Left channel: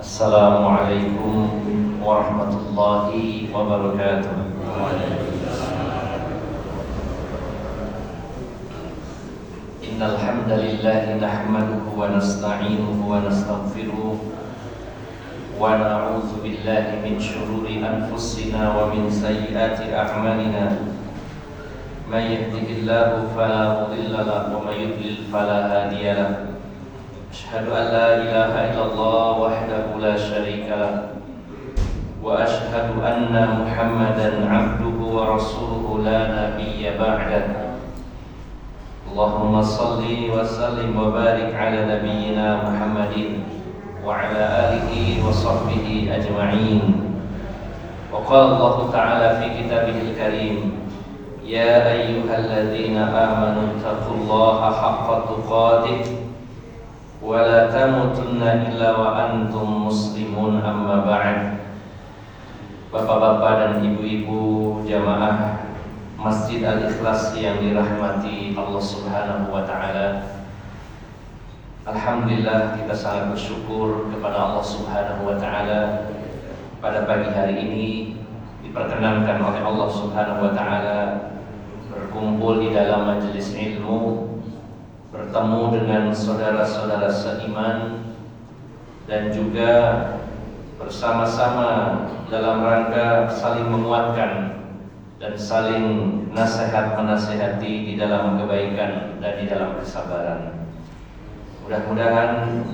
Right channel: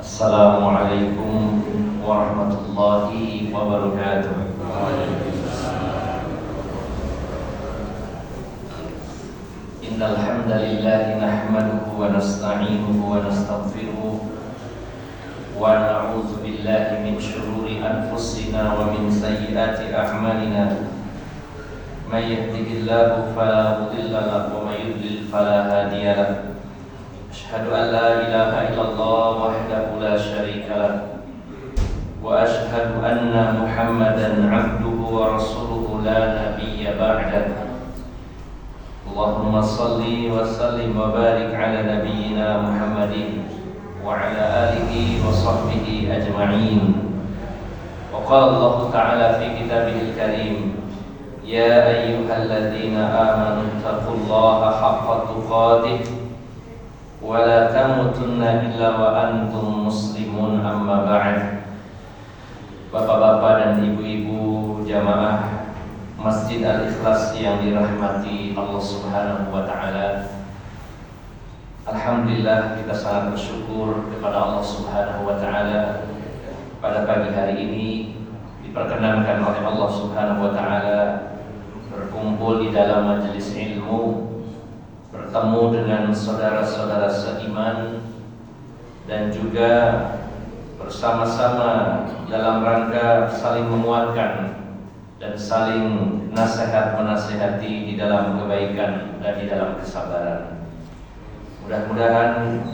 Assalamualaikum warahmatullahi wabarakatuh. Innal hamdalillah nahmaduhu wa nasta'inuhu wa nastaghfiruh wa na'udzu billahi min shururi anfusina wa min sayyiati a'malina. May yahdihillahu fala mudilla lahu wa may yudlil fala hadiya lahu. Asyhadu an la ilaha illallah wahdahu la syarika lahu wa asyhadu anna Muhammadan 'abduhu wa rasuluhu la nabiyya ba'dahu. Allahumma salli wa sallim wa barik ala nabiyyina Muhammadin wa ala alihi wa sahbihi ajma'in. Wa qala Allah ta'ala fi kitabihil karim, ya ayyuhalladzina amanu taqullaha haqqa tuqatih wa la tamutunna illa wa antum muslimun, amma ba'd. Bapak-bapak dan ibu-ibu jamaah Masjid Al-Ikhlas yang dirahmati Allah Subhanahu wa taala. Alhamdulillah, kita sangat bersyukur kepada Allah Subhanahu wa taala pada pagi hari ini diperkenankan oleh Allah Subhanahu wa taala berkumpul di dalam majelis ilmu, bertemu dengan saudara-saudara seiman, dan juga bersama-sama dalam rangka saling menguatkan dan saling nasihat-menasihati di dalam kebaikan dan di dalam kesabaran. Mudah-mudahan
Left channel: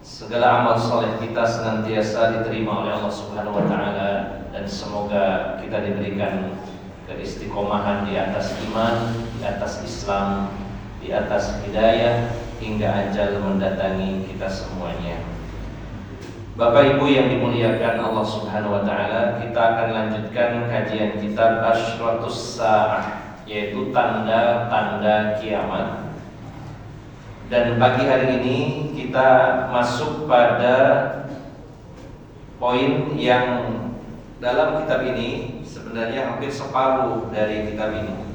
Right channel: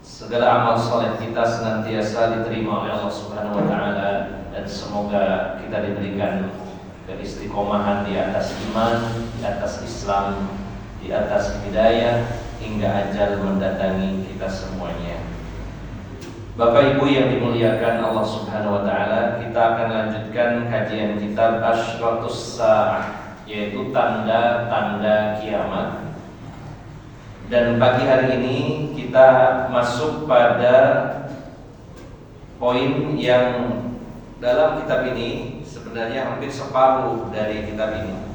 segala amal soleh kita senantiasa diterima oleh Allah Subhanahu wa taala, dan semoga kita diberikan keistiqomahan di atas iman, di atas Islam, di atas hidayah hingga ajal mendatangi kita semuanya. Bapak Ibu yang dimuliakan Allah Subhanahu wa taala, kita akan lanjutkan kajian kitab Asyratus Sa'ah, yaitu tanda-tanda kiamat. Dan pagi hari ini kita masuk pada poin yang dalam kitab ini sebenarnya hampir separuh dari kitab ini,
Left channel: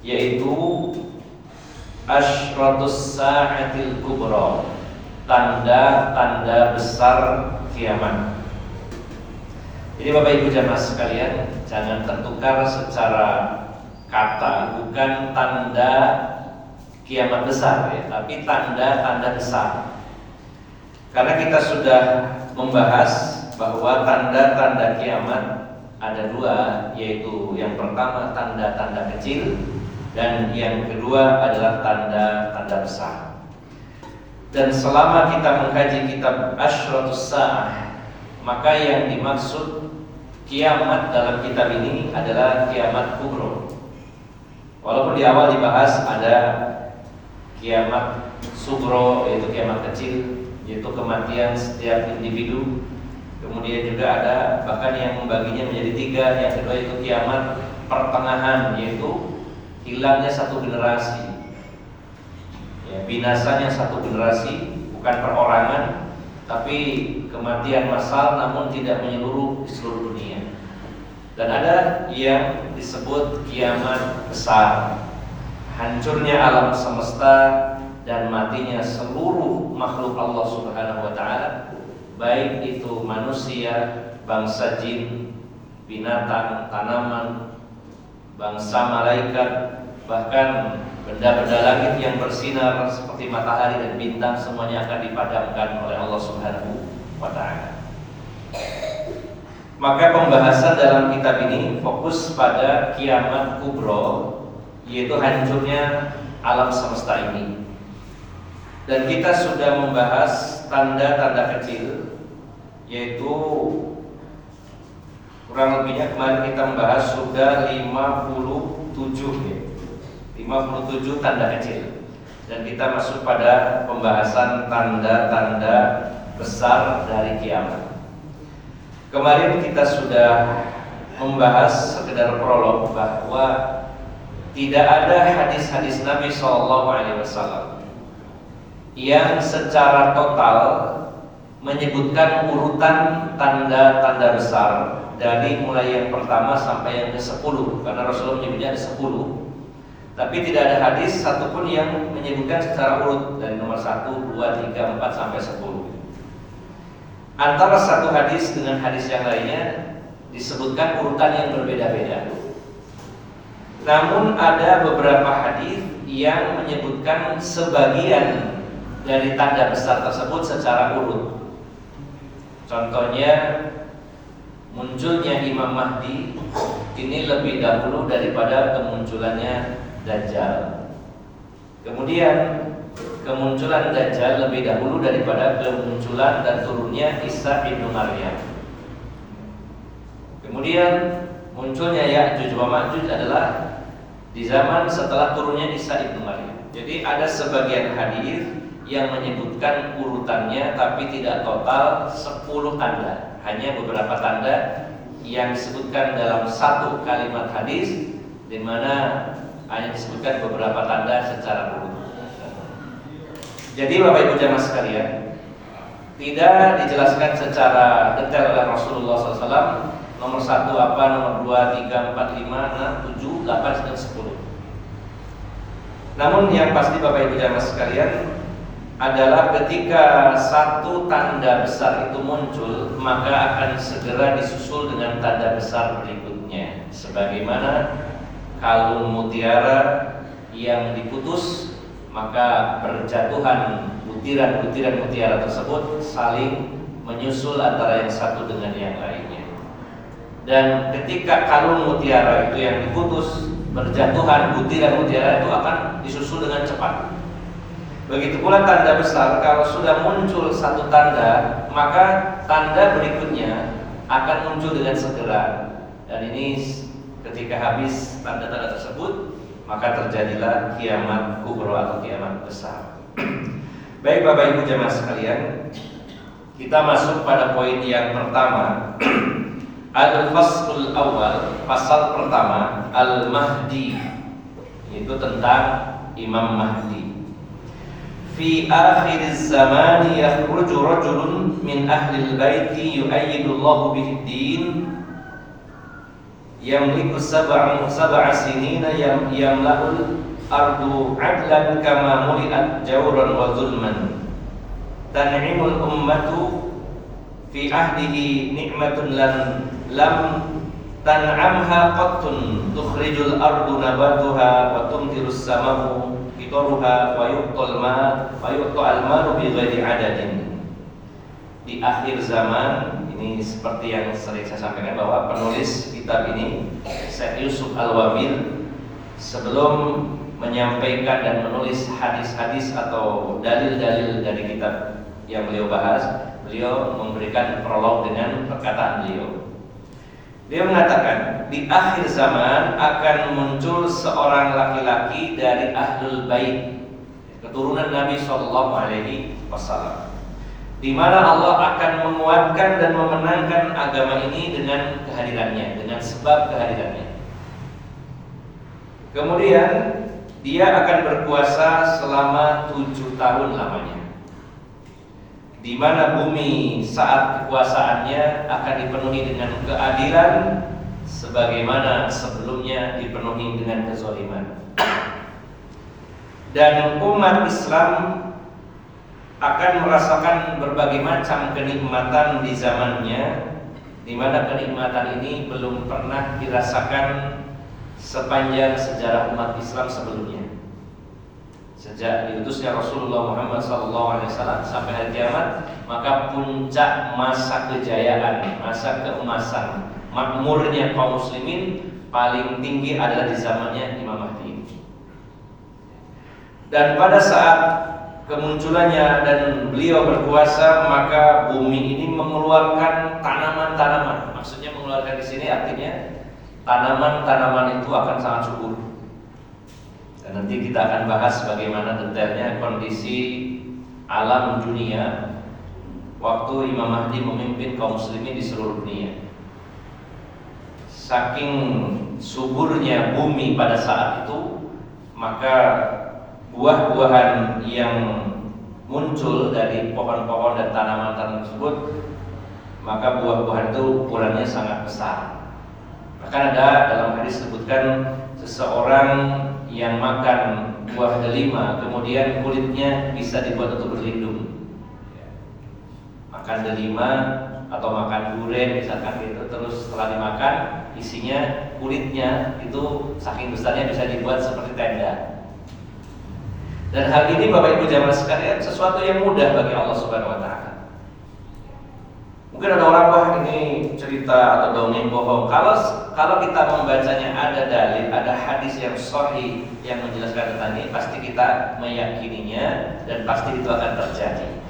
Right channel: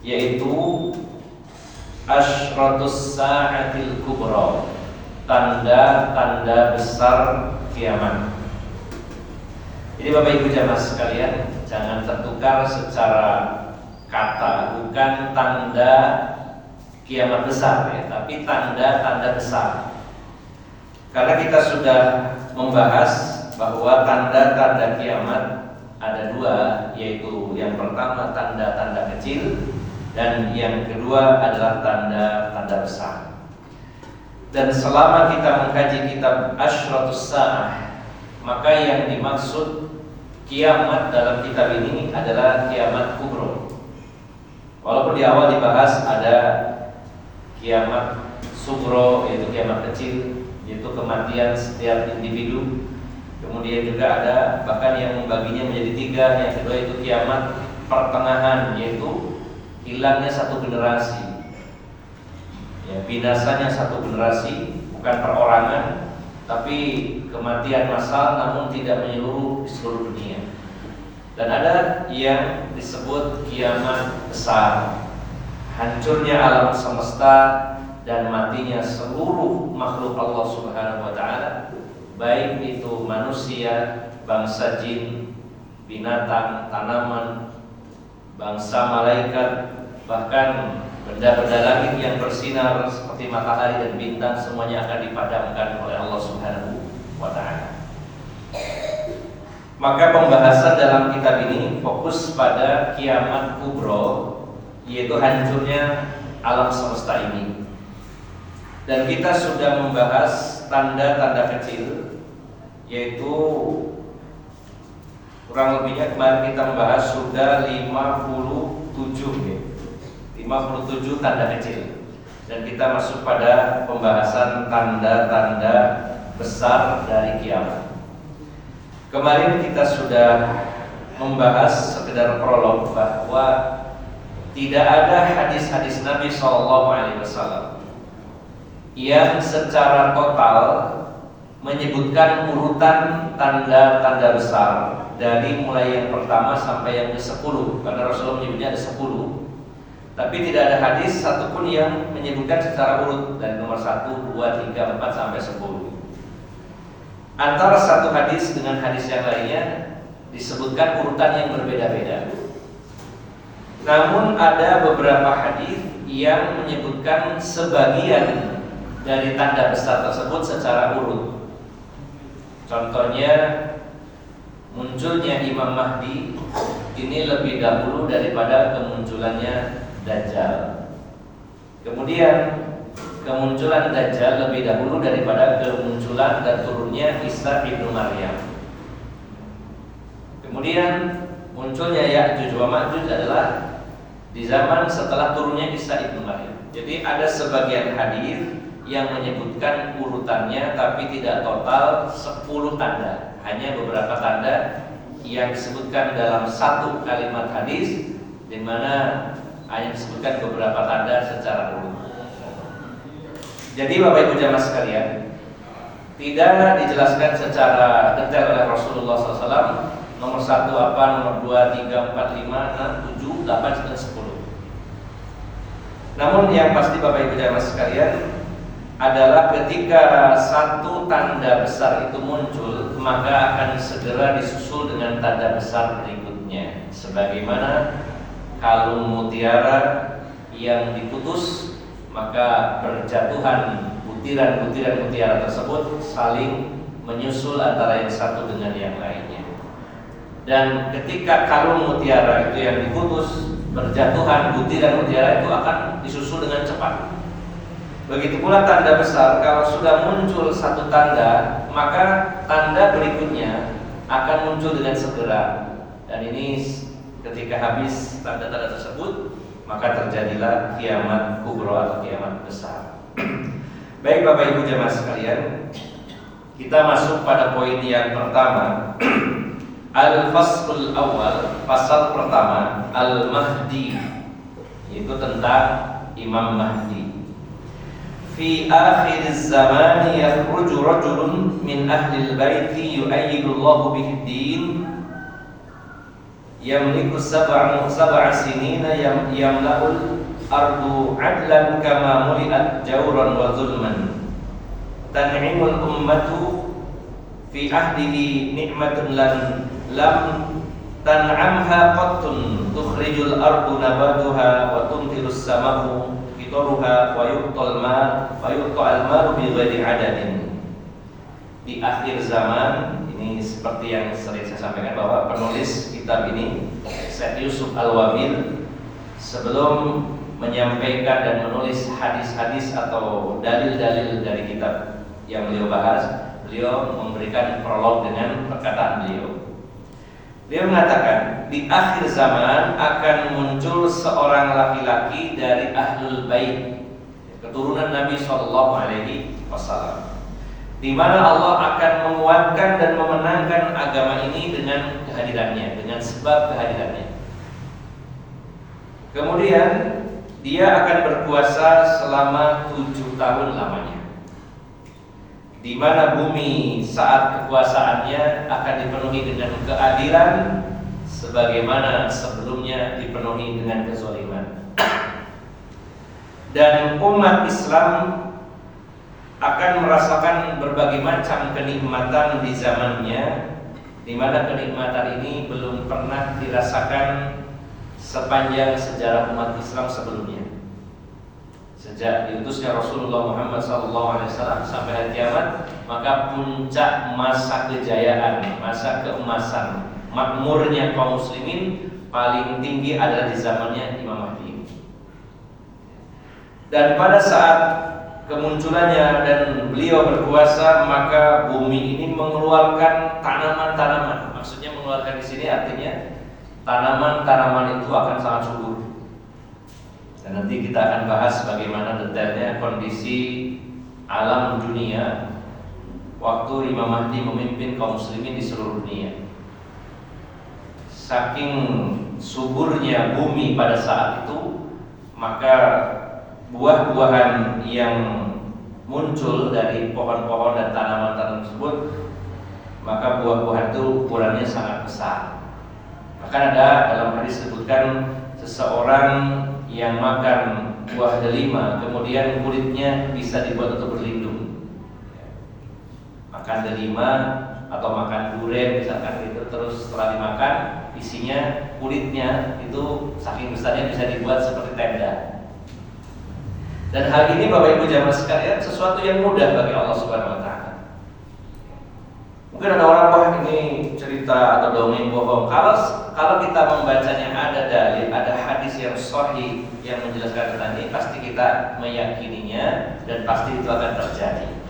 yaitu Asyratus Sa'atil Kubra, tanda-tanda besar kiamat. Jadi Bapak Ibu jamaah sekalian, jangan tertukar secara kata, bukan tanda kiamat besar ya, tapi tanda-tanda besar. Karena kita sudah membahas bahwa tanda-tanda kiamat ada dua, yaitu yang pertama tanda-tanda kecil, dan yang kedua adalah tanda-tanda besar. Dan selama kita mengkaji kitab Asyratus Sa'ah, maka yang dimaksud kiamat dalam kitab ini adalah kiamat kubro. Walaupun di awal dibahas ada kiamat sugro, yaitu kiamat kecil, yaitu kematian setiap individu. Kemudian juga ada bahkan yang membaginya menjadi tiga. Yang kedua itu kiamat pertengahan, yaitu hilangnya satu generasi, ya, binasanya satu generasi, bukan perorangan tapi kematian massal, namun tidak menyeluruh di seluruh dunia. Dan ada yang disebut kiamat besar, hancurnya alam semesta dan matinya seluruh makhluk Allah Subhanahu wa taala, baik itu manusia, bangsa jin, binatang, tanaman, bangsa malaikat, bahkan benda-benda langit yang bersinar seperti matahari dan bintang, semuanya akan dipadamkan oleh Allah Subhanahu wa taala. Maka pembahasan dalam kitab ini fokus pada kiamat kubro, yaitu hancurnya alam semesta ini. Dan kita sudah membahas tanda-tanda kecil, yaitu kurang lebihnya kemarin kita membahas sudah 57 ya. 57 tanda kecil. Dan kita masuk pada pembahasan tanda-tanda besar dari kiamat. Kemarin kita sudah membahas sekedar prolog bahwa tidak ada hadis-hadis Nabi SAW yang secara total menyebutkan urutan tanda-tanda besar dari mulai yang pertama sampai yang ke-10, karena Rasulullah menyebutnya ada 10. Tapi tidak ada hadis satupun yang menyebutkan secara urut dari nomor 1, 2, 3, 4 sampai 10. antara satu hadis dengan hadis yang lainnya disebutkan urutan yang berbeda-beda. Namun ada beberapa hadis yang menyebutkan sebagian dari tanda besar tersebut secara urut. Contohnya, munculnya Imam Mahdi ini lebih dahulu daripada kemunculannya Dajjal. Kemudian kemunculan Dajjal lebih dahulu daripada kemunculan dan turunnya Isa ibnu Maryam. Kemudian munculnya Ya'juj wa Ma'juj adalah di zaman setelah turunnya Isa ibnu Maryam. Jadi ada sebagian hadis yang menyebutkan urutannya tapi tidak total 10 tanda. Hanya beberapa tanda yang disebutkan dalam satu kalimat hadis, di mana hanya disebutkan beberapa tanda secara urut. Jadi Bapak Ibu jamaah sekalian, tidak dijelaskan secara detail oleh Rasulullah SAW nomor 1 apa, nomor 2, 3, 4, 5, 6, 7, 8, dan 10. Namun yang pasti Bapak Ibu jamaah sekalian adalah ketika satu tanda besar itu muncul, maka akan segera disusul dengan tanda besar berikutnya. Sebagaimana kalung mutiara yang diputus, maka berjatuhan butiran-butiran mutiara tersebut saling menyusul antara yang satu dengan yang lainnya. Dan ketika kalung mutiara itu yang diputus, berjatuhan butiran mutiara itu akan disusul dengan cepat. Begitu pula tanda besar, kalau sudah muncul satu tanda, maka tanda berikutnya akan muncul dengan segera. Dan ini ketika habis tanda-tanda tersebut, maka terjadilah kiamat kubra atau kiamat besar. Baik Bapak Ibu jamaah sekalian, kita masuk pada poin yang pertama. Al-Faslul Awal, pasal pertama, Al-Mahdi, itu tentang Imam Mahdi. Fi akhiriz zamani yakhruju rajulun min ahlil baiti yu'ayyidu Allahu bihi din yamliku sab'a sinina yamla'ul ardu 'adlan kama muli'at jawran wa zulman tan'imul ummatu fi ahdihi ni'matun lam tan'amha qattun tukhrijul ardu nabatuha wa tumtirus sama'u qitaruha wa yuqtal ma bi ghairi adadin. Di akhir zaman ini, seperti yang sering saya sampaikan, bahwa penulis kitab ini, Syekh Yusuf Al-Wabil, sebelum menyampaikan dan menulis hadis-hadis atau dalil-dalil dari kitab yang beliau bahas, beliau memberikan prolog dengan perkataan beliau. Dia mengatakan, di akhir zaman akan muncul seorang laki-laki dari Ahlul Bait, keturunan Nabi SAW, di mana Allah akan menguatkan dan memenangkan agama ini dengan kehadirannya, dengan sebab kehadirannya. Kemudian dia akan berkuasa selama 7 tahun lamanya, di mana bumi saat kekuasaannya akan dipenuhi dengan keadilan sebagaimana sebelumnya dipenuhi dengan kezaliman. Dan umat Islam akan merasakan berbagai macam kenikmatan di zamannya, di mana kenikmatan ini belum pernah dirasakan sepanjang sejarah umat Islam sebelumnya. Sejak diutusnya Rasulullah Muhammad SAW sampai hari kiamat, maka puncak masa kejayaan, masa keemasan, makmurnya kaum muslimin paling tinggi adalah di zamannya Imam Mahdi. Dan pada saat kemunculannya dan beliau berkuasa, maka bumi ini mengeluarkan tanaman-tanaman. Maksudnya mengeluarkan di sini artinya tanaman-tanaman itu akan sangat subur. Dan nanti kita akan bahas bagaimana detailnya kondisi alam dunia waktu Imam Mahdi memimpin kaum muslimin di seluruh dunia. Saking suburnya bumi pada saat itu, maka buah-buahan yang muncul dari pohon-pohon dan tanaman-tanaman tersebut, maka buah-buahan itu ukurannya sangat besar. Bahkan ada dalam hadis disebutkan seseorang yang makan buah delima, kemudian kulitnya bisa dibuat untuk berlindung. makan delima atau makan durian misalkan gitu, terus setelah dimakan isinya kulitnya itu saking besarnya bisa dibuat seperti tenda. Dan hal ini Bapak Ibu jamaah sekalian sesuatu yang mudah bagi Allah Subhanahu wa taala. Mungkin ada orang, wah ini cerita atau dongeng bohong. Kalau kita membacanya ada dalil, ada hadis yang sahih yang menjelaskan tentang ini, pasti kita meyakininya dan pasti itu akan terjadi.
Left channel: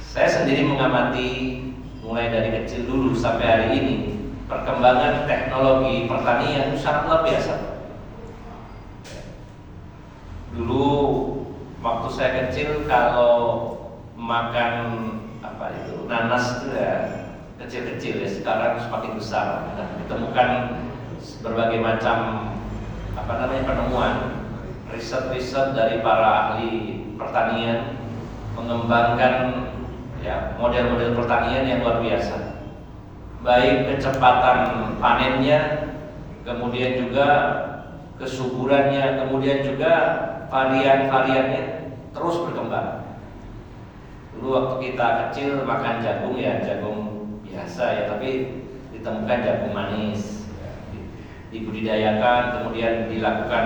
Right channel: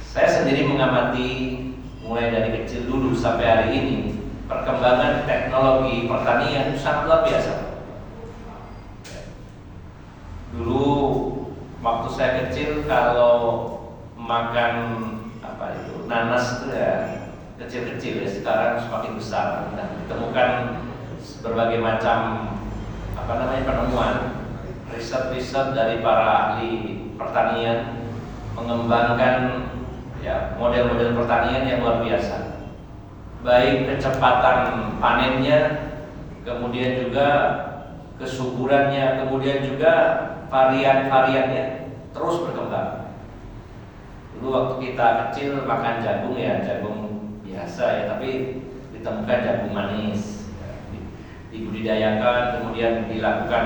Saya sendiri mengamati mulai dari kecil dulu sampai hari ini perkembangan teknologi pertanian sangat luar biasa. Dulu waktu saya kecil kalau makan nanas itu ya kecil-kecil, ya sekarang semakin besar. Ditemukan berbagai macam penemuan, riset-riset dari para ahli pertanian mengembangkan ya model-model pertanian yang luar biasa. Baik kecepatan panennya, kemudian juga kesuburannya, kemudian juga varian-variannya terus berkembang. Dulu waktu kita kecil makan jagung ya jagung biasa ya, tapi ditemukan jagung manis, dibudidayakan, kemudian dilakukan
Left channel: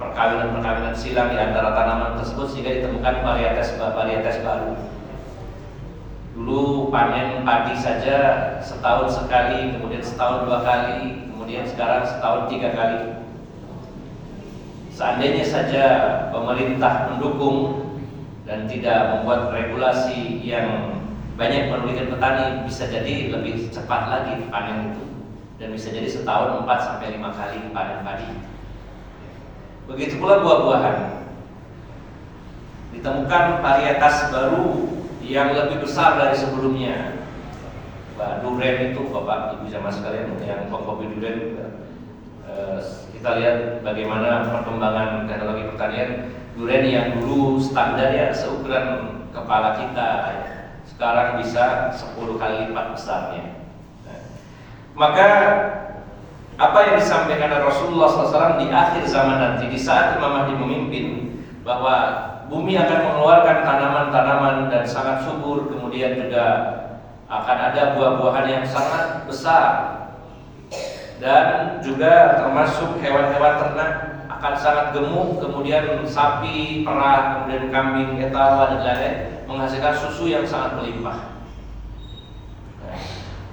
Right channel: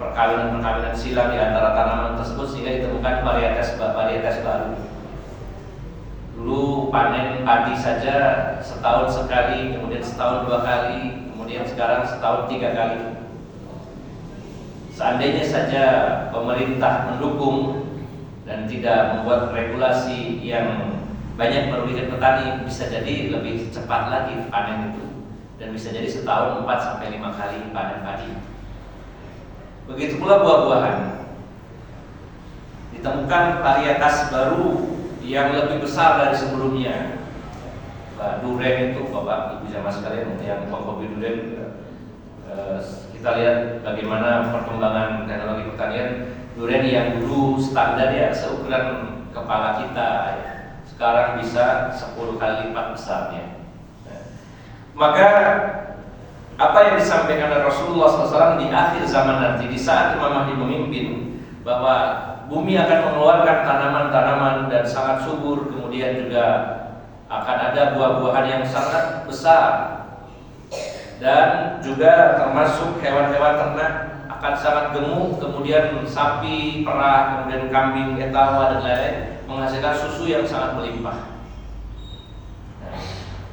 perkawinan silang di antara tanaman tersebut sehingga ditemukan varietas baru. Dulu panen padi saja setahun sekali, kemudian setahun 2 kali, kemudian sekarang setahun 3 kali. Seandainya saja pemerintah mendukung dan tidak membuat regulasi yang banyak merugikan petani, bisa jadi lebih cepat lagi panen itu, dan bisa jadi setahun 4-5 kali panen padi. Begitu pula buah-buahan, ditemukan varietas baru yang lebih besar dari sebelumnya. Durian itu Bapak Ibu jamaah sekalian yang hobi durian, kita lihat bagaimana perkembangan teknologi pertanian. Durian yang dulu standar ya seukuran kepala kita, sekarang bisa 10 kali lipat besarnya. Maka apa yang disampaikan oleh Rasulullah SAW di akhir zaman nanti, di saat Imam Mahdi memimpin, bahwa bumi akan mengeluarkan tanaman-tanaman dan sangat subur, kemudian juga akan ada buah-buahan yang sangat besar, dan juga termasuk hewan-hewan ternak akan sangat gemuk, kemudian sapi, perah, kemudian kambing, etawa dan lain-lain menghasilkan susu yang sangat melimpah.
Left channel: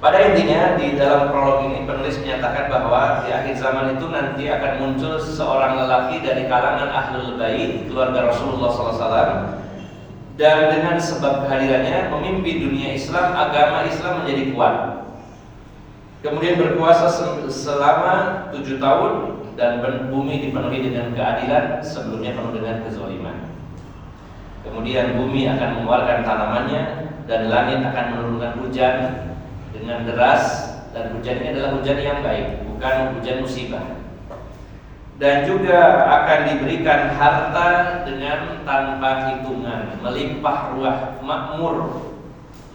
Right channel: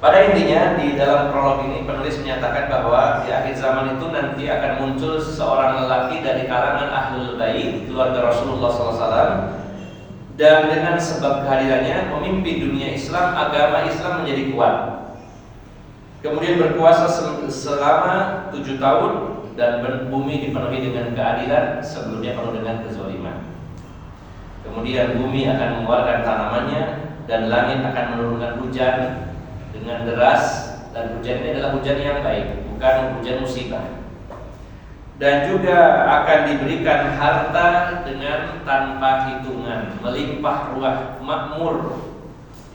Pada intinya di dalam prolog ini penulis menyatakan bahwa di akhir zaman itu nanti akan muncul seorang lelaki dari kalangan Ahlul Bait, keluarga Rasulullah SAW, dan dengan sebab kehadirannya memimpin dunia Islam, agama Islam menjadi kuat. Kemudian berkuasa selama 7 tahun dan bumi dipenuhi dengan keadilan, sebelumnya penuh dengan kezaliman. Kemudian bumi akan mengeluarkan tanamannya dan langit akan menurunkan hujan dengan deras, dan hujan ini adalah hujan yang baik, bukan hujan musibah. Dan juga akan diberikan harta dengan tanpa hitungan, melimpah ruah, makmur.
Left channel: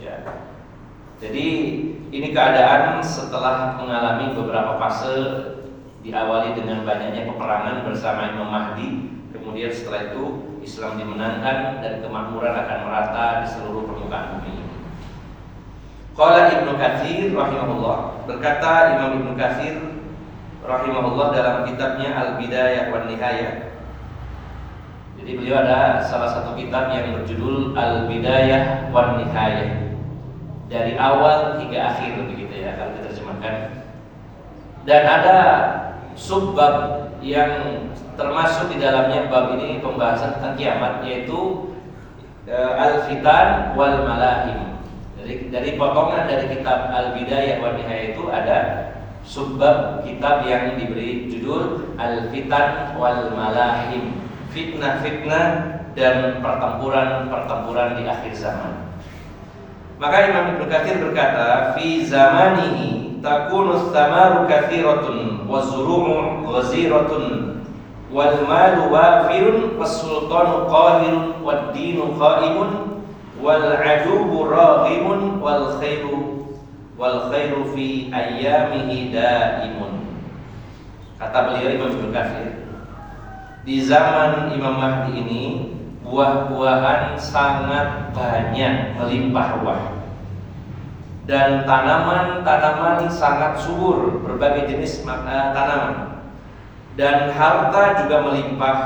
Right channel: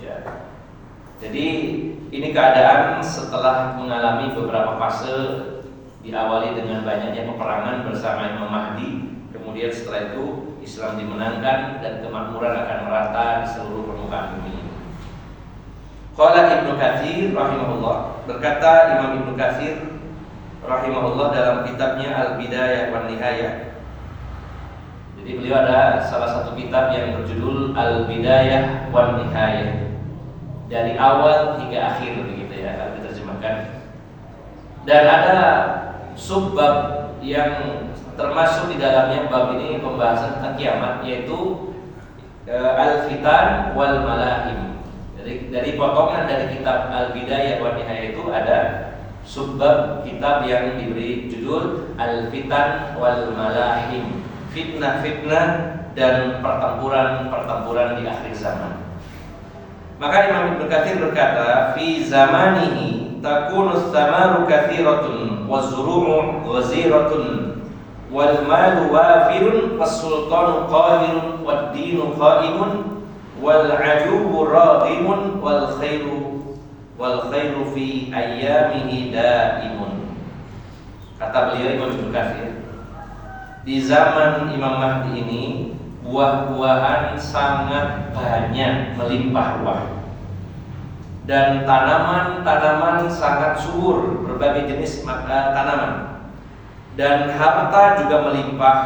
Ya. Jadi ini keadaan setelah mengalami beberapa fase, diawali dengan banyaknya peperangan bersama Imam Mahdi, kemudian setelah itu Islam dimenangkan dan kemakmuran akan merata di seluruh permukaan bumi. Qala Ibnu Katsir rahimahullah, berkata Imam Ibnu Katsir rahimahullah dalam kitabnya Al-Bidayah wan Nihayah. Jadi beliau ada salah satu kitab yang berjudul Al-Bidayah wan Nihayah, dari awal hingga akhir begitu ya kalau diterjemahkan. Dan ada subbab yang termasuk di dalamnya bab ini pembahasan tentang kiamat, yaitu al-fitan wal malahim. Jadi dari potongan dari kitab Al-Bidayah wan Nihayah itu ada subbab kitab yang diberi judul Al-Fitan wal Malahim, fitnah-fitnah dan pertempuran-pertempuran di akhir zaman. Maka Imam Ibnu Katsir berkata, fi zamanihi takunu tsamaru katsiratun wazuru'u ghaziratun wal malu wafirun was-sultanu qahirun wad-dinu qaimun wal ajubu raghimun wal khairu fi ayyamihi daimun. Kata beliau Imam Ibnu Katsir, di zaman Imam Mahdi ini buah-buahan sangat banyak, melimpah ruah, dan tanaman-tanaman sangat subur, berbagai jenis tanaman, dan harta juga melimpah.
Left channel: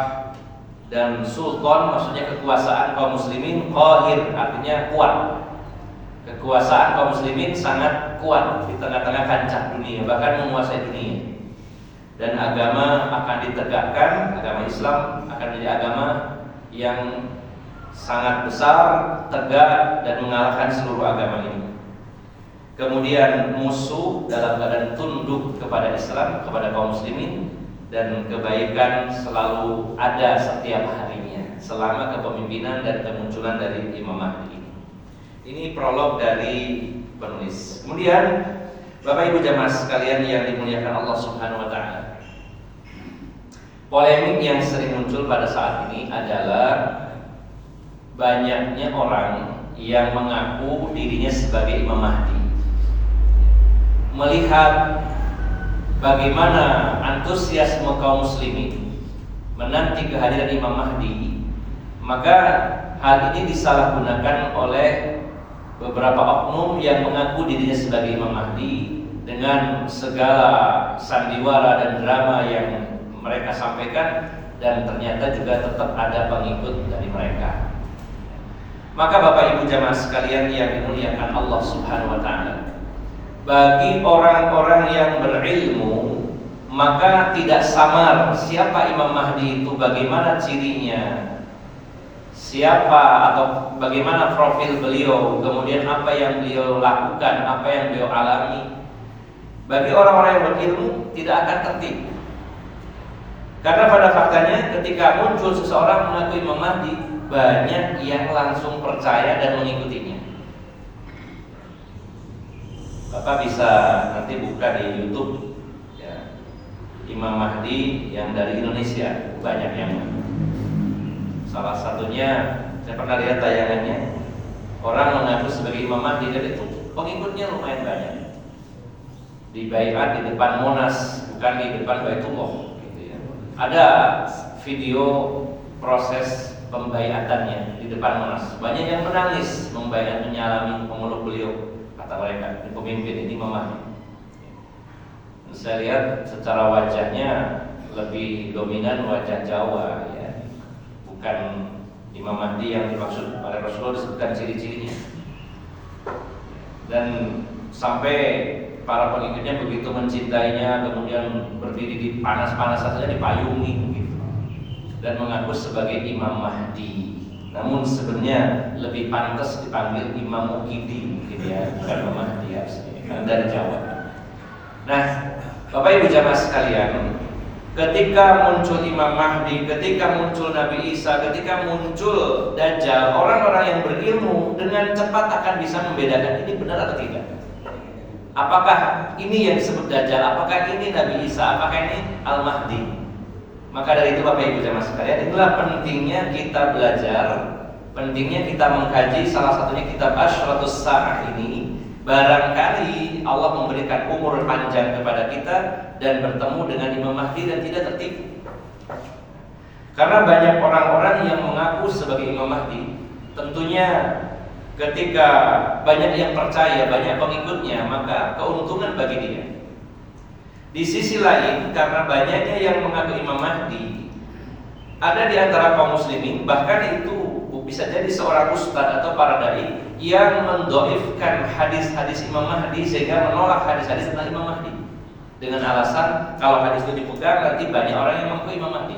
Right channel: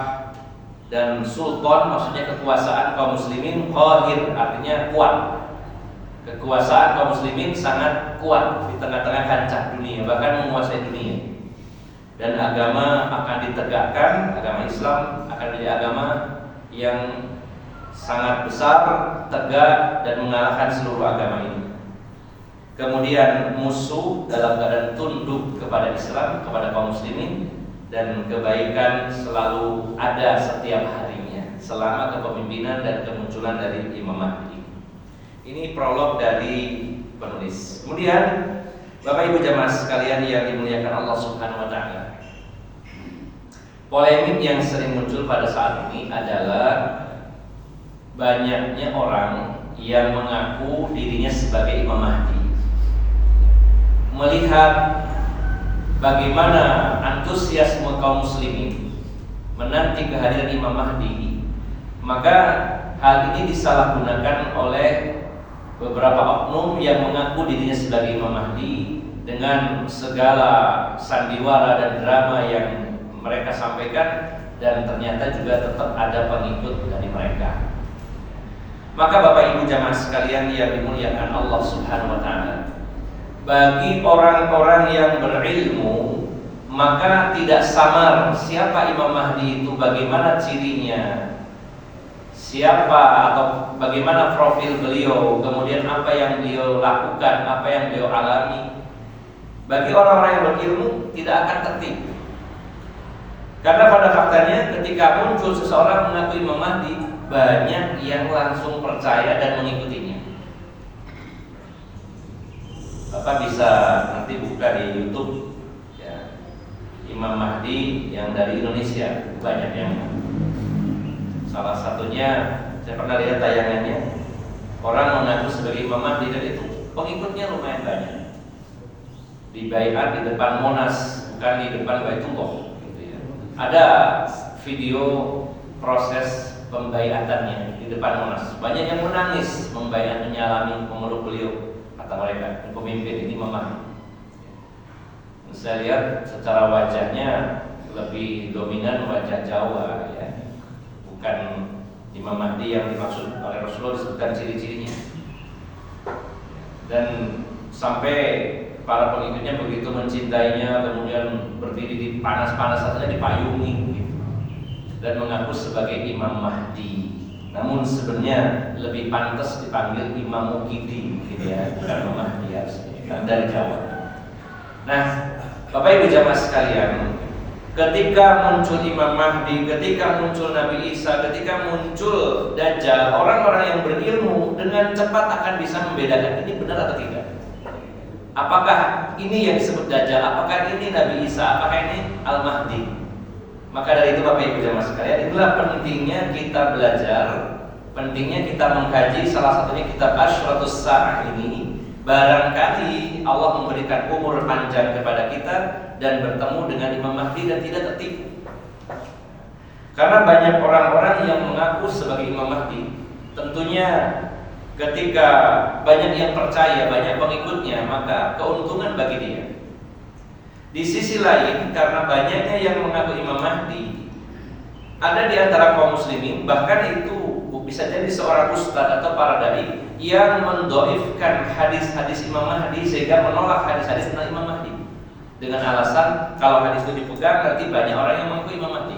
Dan sultan maksudnya kekuasaan kaum muslimin qahir, artinya kuat. Kekuasaan kaum muslimin sangat kuat di tengah-tengah kancah dunia, bahkan menguasai dunia. Dan agama akan ditegakkan, agama Islam akan menjadi agama yang sangat besar, tegak, dan mengalahkan seluruh agama ini. Kemudian musuh dalam keadaan tunduk kepada Islam, kepada kaum muslimin, dan kebaikan selalu ada setiap harinya selama kepemimpinan dan kemunculan dari Imam Mahdi. Ini prolog dari penulis. Kemudian Bapak Ibu jamaah sekalian yang dimuliakan Allah Subhanahu wa taala, polemik yang sering muncul pada saat ini adalah banyaknya orang yang mengaku dirinya sebagai Imam Mahdi. Melihat bagaimana antusiasme kaum muslimin menanti kehadiran Imam Mahdi, maka hal ini disalahgunakan oleh beberapa oknum yang mengaku dirinya sebagai Imam Mahdi dengan segala sandiwara dan drama yang mereka sampaikan, dan ternyata juga tetap ada pengikut dari mereka. Maka Bapak Ibu jamaah sekalian yang dimuliakan Allah Subhanahu wa taala, bagi orang-orang yang berilmu, maka tidak samar siapa Imam Mahdi itu, bagaimana cirinya, siapa atau bagaimana profil beliau, kemudian apa yang beliau lakukan, apa yang beliau alami. Bagi orang-orang yang berilmu tidak akan tertipu. Karena pada faktanya ketika muncul seseorang mengaku Imam Mahdi, banyak yang langsung percaya dan mengikutinya. Bapak bisa nanti buka di YouTube ya, Imam Mahdi yang dari Indonesia, banyak yang. Salah satunya saya pernah lihat tayangannya, orang mengaku sebagai Imam Mahdi dan itu pengikutnya lumayan banyak. Dibaiat di depan Monas, bukan di depan Baitullah gitu ya. Ada video proses pembaiatannya di depan Monas. Banyak yang menangis, membaiat, menyalami, memeluk beliau. Kata mereka, pemimpin ini Imam Mahdi. Saya lihat secara wajahnya lebih dominan wajah Jawa ya. Bukan Imam Mahdi yang dimaksud oleh Rasulullah disebutkan ciri-cirinya. Dan sampai para pengikutnya begitu mencintainya, kemudian berdiri di panas-panas saja dipayungi gitu, dan mengaku sebagai Imam Mahdi. Namun sebenarnya lebih pantas dipanggil Imam Mukidi gitu ya, bukan Imam Mahdi ya, dari Jawa. Nah, Bapak Ibu jamaah sekalian, ketika muncul Imam Mahdi, ketika muncul Nabi Isa, ketika muncul Dajjal, orang-orang yang berilmu dengan cepat akan bisa membedakan ini benar atau tidak. Apakah ini yang disebut Dajjal? Apakah ini Nabi Isa? Apakah ini Al-Mahdi? Maka dari itu Bapak Ibu jamaah sekalian, itulah pentingnya kita belajar, pentingnya kita mengkaji salah satunya kitab Asyratus Sa'ah ini. Barangkali Allah memberikan umur panjang kepada kita dan bertemu dengan Imam Mahdi dan tidak tertipu. Karena banyak orang-orang yang mengaku sebagai Imam Mahdi, tentunya ketika banyak yang percaya, banyak pengikutnya, maka keuntungan bagi dia. Di sisi lain, karena banyaknya yang mengaku Imam Mahdi, ada di antara kaum muslimin, bahkan itu bisa jadi seorang ustadz atau para dai yang mendoifkan hadis-hadis Imam Mahdi sehingga menolak hadis-hadis tentang Imam Mahdi dengan alasan kalau hadis itu dipegang nanti banyak orang yang mengaku Imam Mahdi.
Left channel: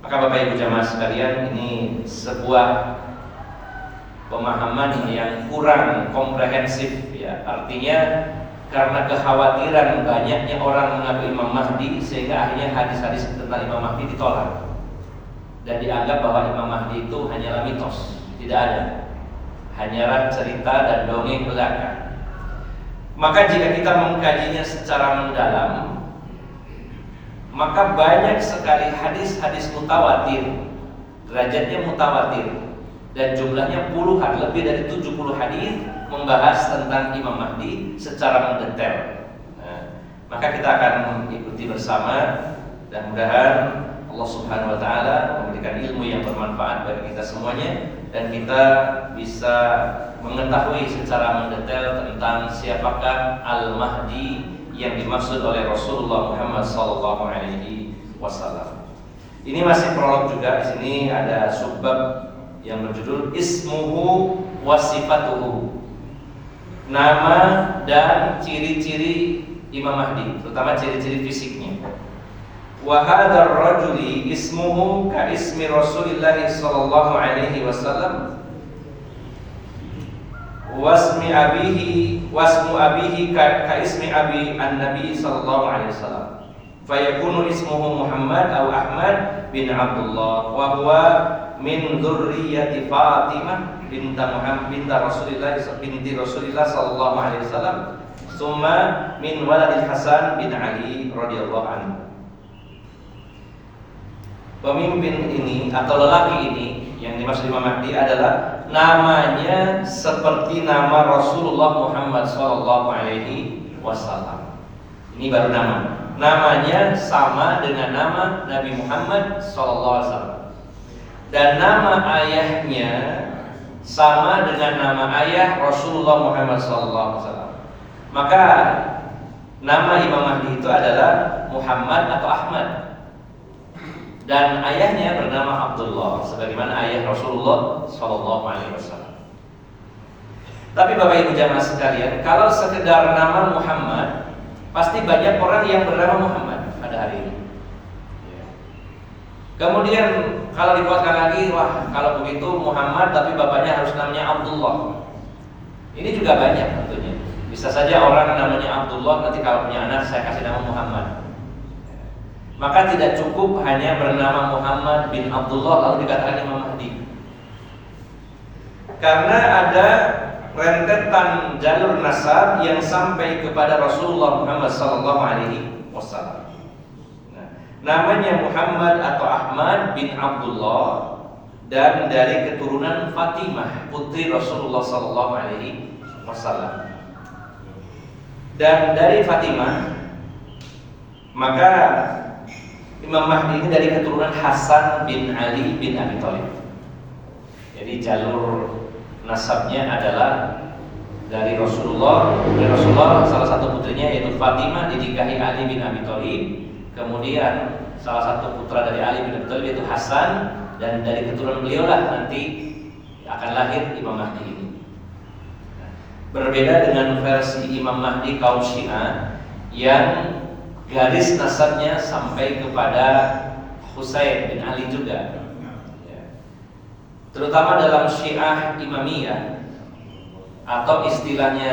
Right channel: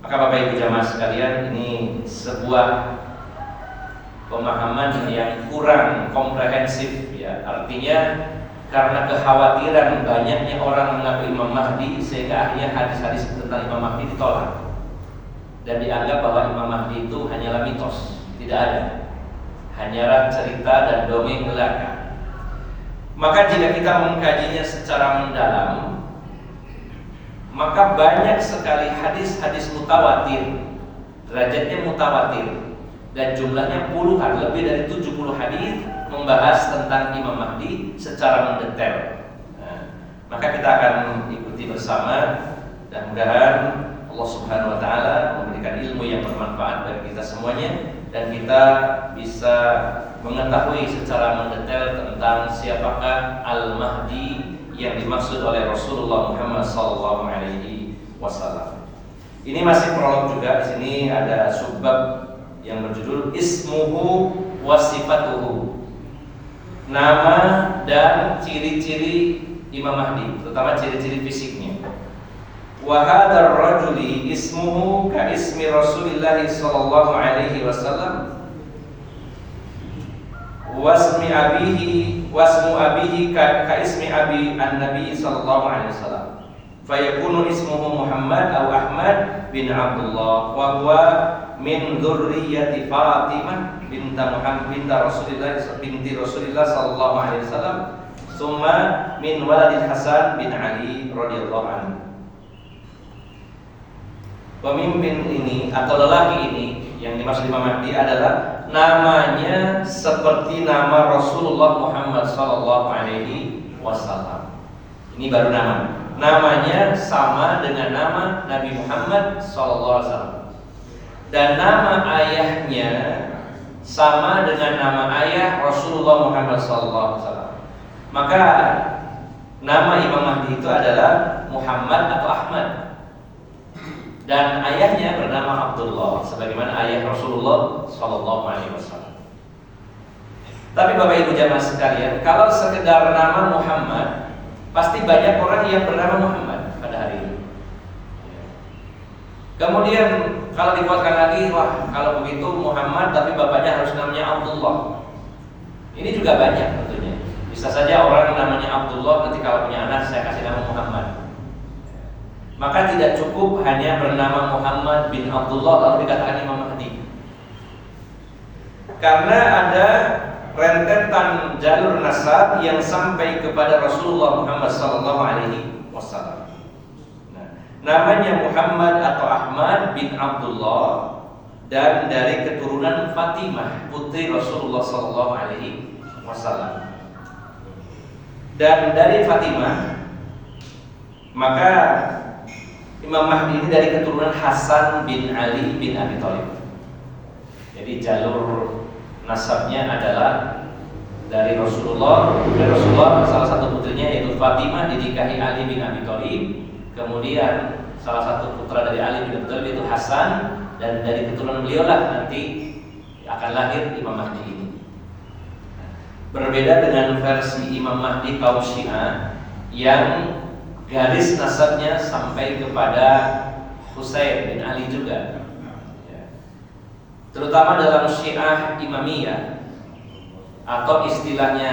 Maka Bapak Ibu jamaah sekalian, ini sebuah pemahaman yang kurang komprehensif ya. Artinya karena kekhawatiran banyaknya orang mengaku Imam Mahdi sehingga akhirnya hadis-hadis tentang Imam Mahdi ditolak dan dianggap bahwa Imam Mahdi itu hanyalah mitos, tidak ada, hanyalah cerita dan dongeng belaka. Maka jika kita mengkajinya secara mendalam, maka banyak sekali hadis-hadis mutawatir, derajatnya mutawatir, dan jumlahnya puluhan, lebih dari 70 hadis membahas tentang Imam Mahdi secara mendetail. Maka kita akan ikuti bersama dan mudah-mudahan Allah Subhanahu wa taala memberikan ilmu yang bermanfaat bagi kita semuanya dan kita bisa mengetahui secara mendetail tentang siapakah Al-Mahdi yang dimaksud oleh Rasulullah Muhammad SAW. Ini masih prolog juga. Di sini ada subbab yang berjudul Ismuhu wa Sifatuhu, nama dan ciri-ciri Imam Mahdi, terutama ciri-ciri fisiknya. Wa hadzal rajuli ismuhu ka ismi Rasulillah sallallahu alaihi wasallam wasmu abihi ka ismi abi an-nabi sallallahu alaihi wasallam. Fayakunu ismuhu Muhammad atau Ahmad bin Abdullah wa huwa min dzurriyyati Fatimah binti Rasulillah sallallahu alaihi wasallam, summa min waladil Hasan bin Ali radhiyallahu anhu. Pemimpin ini atau lelaki ini yang dimaksud Imam Mahdi adalah namanya seperti nama Rasulullah Muhammad sallallahu alaihi wasallam. Ini baru nama. Namanya sama dengan nama Nabi Muhammad sallallahu alaihi wasallam. Dan nama ayahnya sama dengan nama ayah Rasulullah Muhammad sallallahu alaihi wasallam. Maka nama Imam Mahdi itu adalah Muhammad atau Ahmad. Dan ayahnya bernama Abdullah sebagaimana ayah Rasulullah sallallahu alaihi wasallam. Tapi Bapak Ibu jamaah sekalian, kalau sekedar nama Muhammad, pasti banyak orang yang bernama Muhammad pada hari ini. Kemudian kalau dikuatkan lagi, wah kalau begitu Muhammad tapi bapaknya harus namanya Abdullah. Ini juga banyak tentunya. Bisa saja orang namanya Abdullah, nanti kalau punya anak saya kasih nama Muhammad. Maka tidak cukup hanya bernama Muhammad bin Abdullah lalu dikatakan Imam Mahdi. Karena ada rentetan jalur nasab yang sampai kepada Rasulullah Muhammad sallallahu alaihi wasallam. Namanya Muhammad atau Ahmad bin Abdullah dan dari keturunan Fatimah putri Rasulullah sallallahu alaihi wasallam. Dan dari Fatimah maka Imam Mahdi ini dari keturunan Hasan bin Ali bin Abi Thalib. Jadi jalur nasabnya adalah dari Rasulullah. Dari Rasulullah salah satu putrinya yaitu Fatimah dinikahi Ali bin Abi Thalib. Kemudian salah satu putra dari Ali bin Abi Thalib yaitu Hasan, dan dari keturunan beliau lah nanti akan lahir Imam Mahdi ini. Berbeda dengan versi Imam Mahdi kaum Syiah yang garis nasabnya sampai kepada Husain bin Ali juga. Terutama dalam Syiah Imamiyah atau istilahnya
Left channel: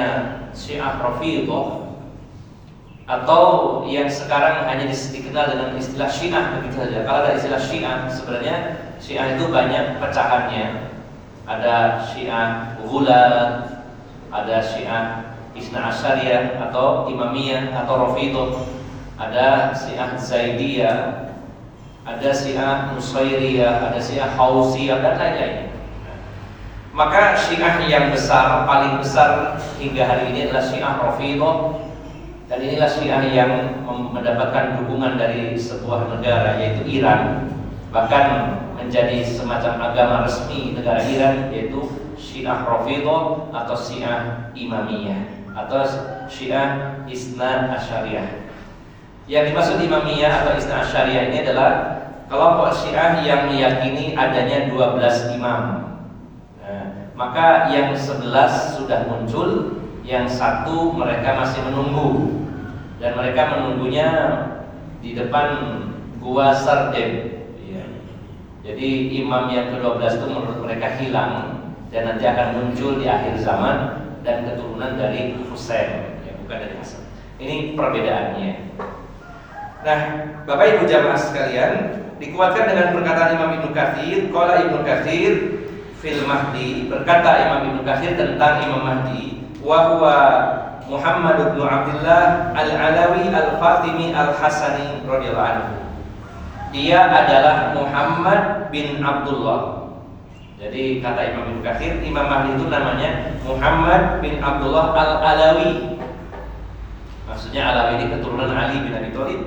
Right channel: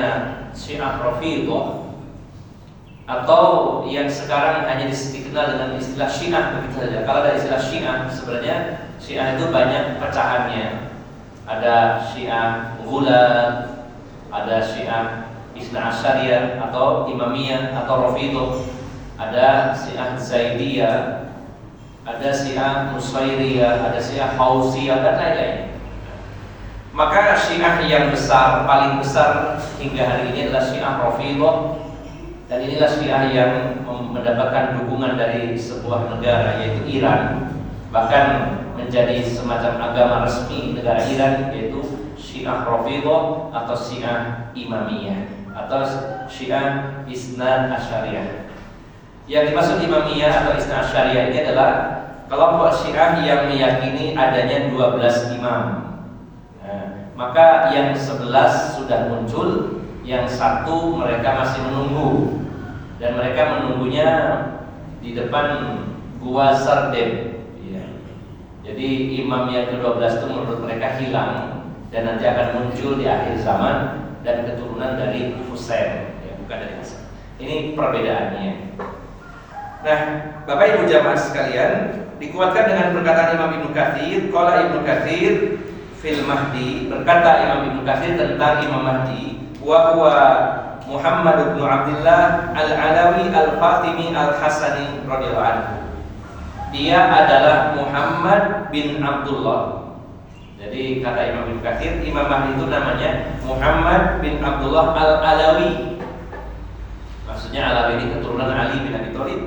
Syiah Rafidhah, atau yang sekarang hanya dikenal dengan istilah Syiah begitu saja. Kalau ada istilah Syiah, sebenarnya Syiah itu banyak pecahannya. Ada Syiah Ghulat, ada Syiah Isna Asyariyah atau Imamiyah atau Rafidhah, ada Syiah Zaidiyah, ada Syiah Nusairiyah, ada Syiah Hausiyah dan lain-lain. Maka Syiah yang besar, paling besar hingga hari ini adalah Syiah Rafidhah, dan inilah Syiah yang mendapatkan dukungan dari sebuah negara yaitu Iran, bahkan menjadi semacam agama resmi negara Iran, yaitu Syiah Rafidhah atau Syiah Imamiyah atau Syiah Isna Asyariyah. Yang dimaksud Imamiyah atau Isna Asyariyah ini adalah kelompok Syiah yang meyakini adanya 12 imam. Maka yang 11 sudah muncul, yang satu mereka masih menunggu, dan mereka menunggunya di depan Gua Sardem. Jadi imam yang ke-12 itu menurut mereka hilang dan nanti akan muncul di akhir zaman dan keturunan dari Husain, bukan dari Hasan. Ini perbedaannya. Nah, Bapak Ibu jamaah sekalian, dikuatkan dengan perkataan Imam Ibnu Katsir. Qala Ibnu Katsir fil Mahdi, berkata Imam Ibnu Katsir tentang Imam Mahdi, wa huwa Muhammad bin Abdullah al-Alawi al-Fatimi al-Hasani radhiyallahu anhu. Dia adalah Muhammad bin Abdullah. Jadi kata Imam Ibnu Katsir, Imam Mahdi itu namanya Muhammad bin Abdullah al-Alawi. Maksudnya Alawi ini keturunan Ali bin Abi Thalib,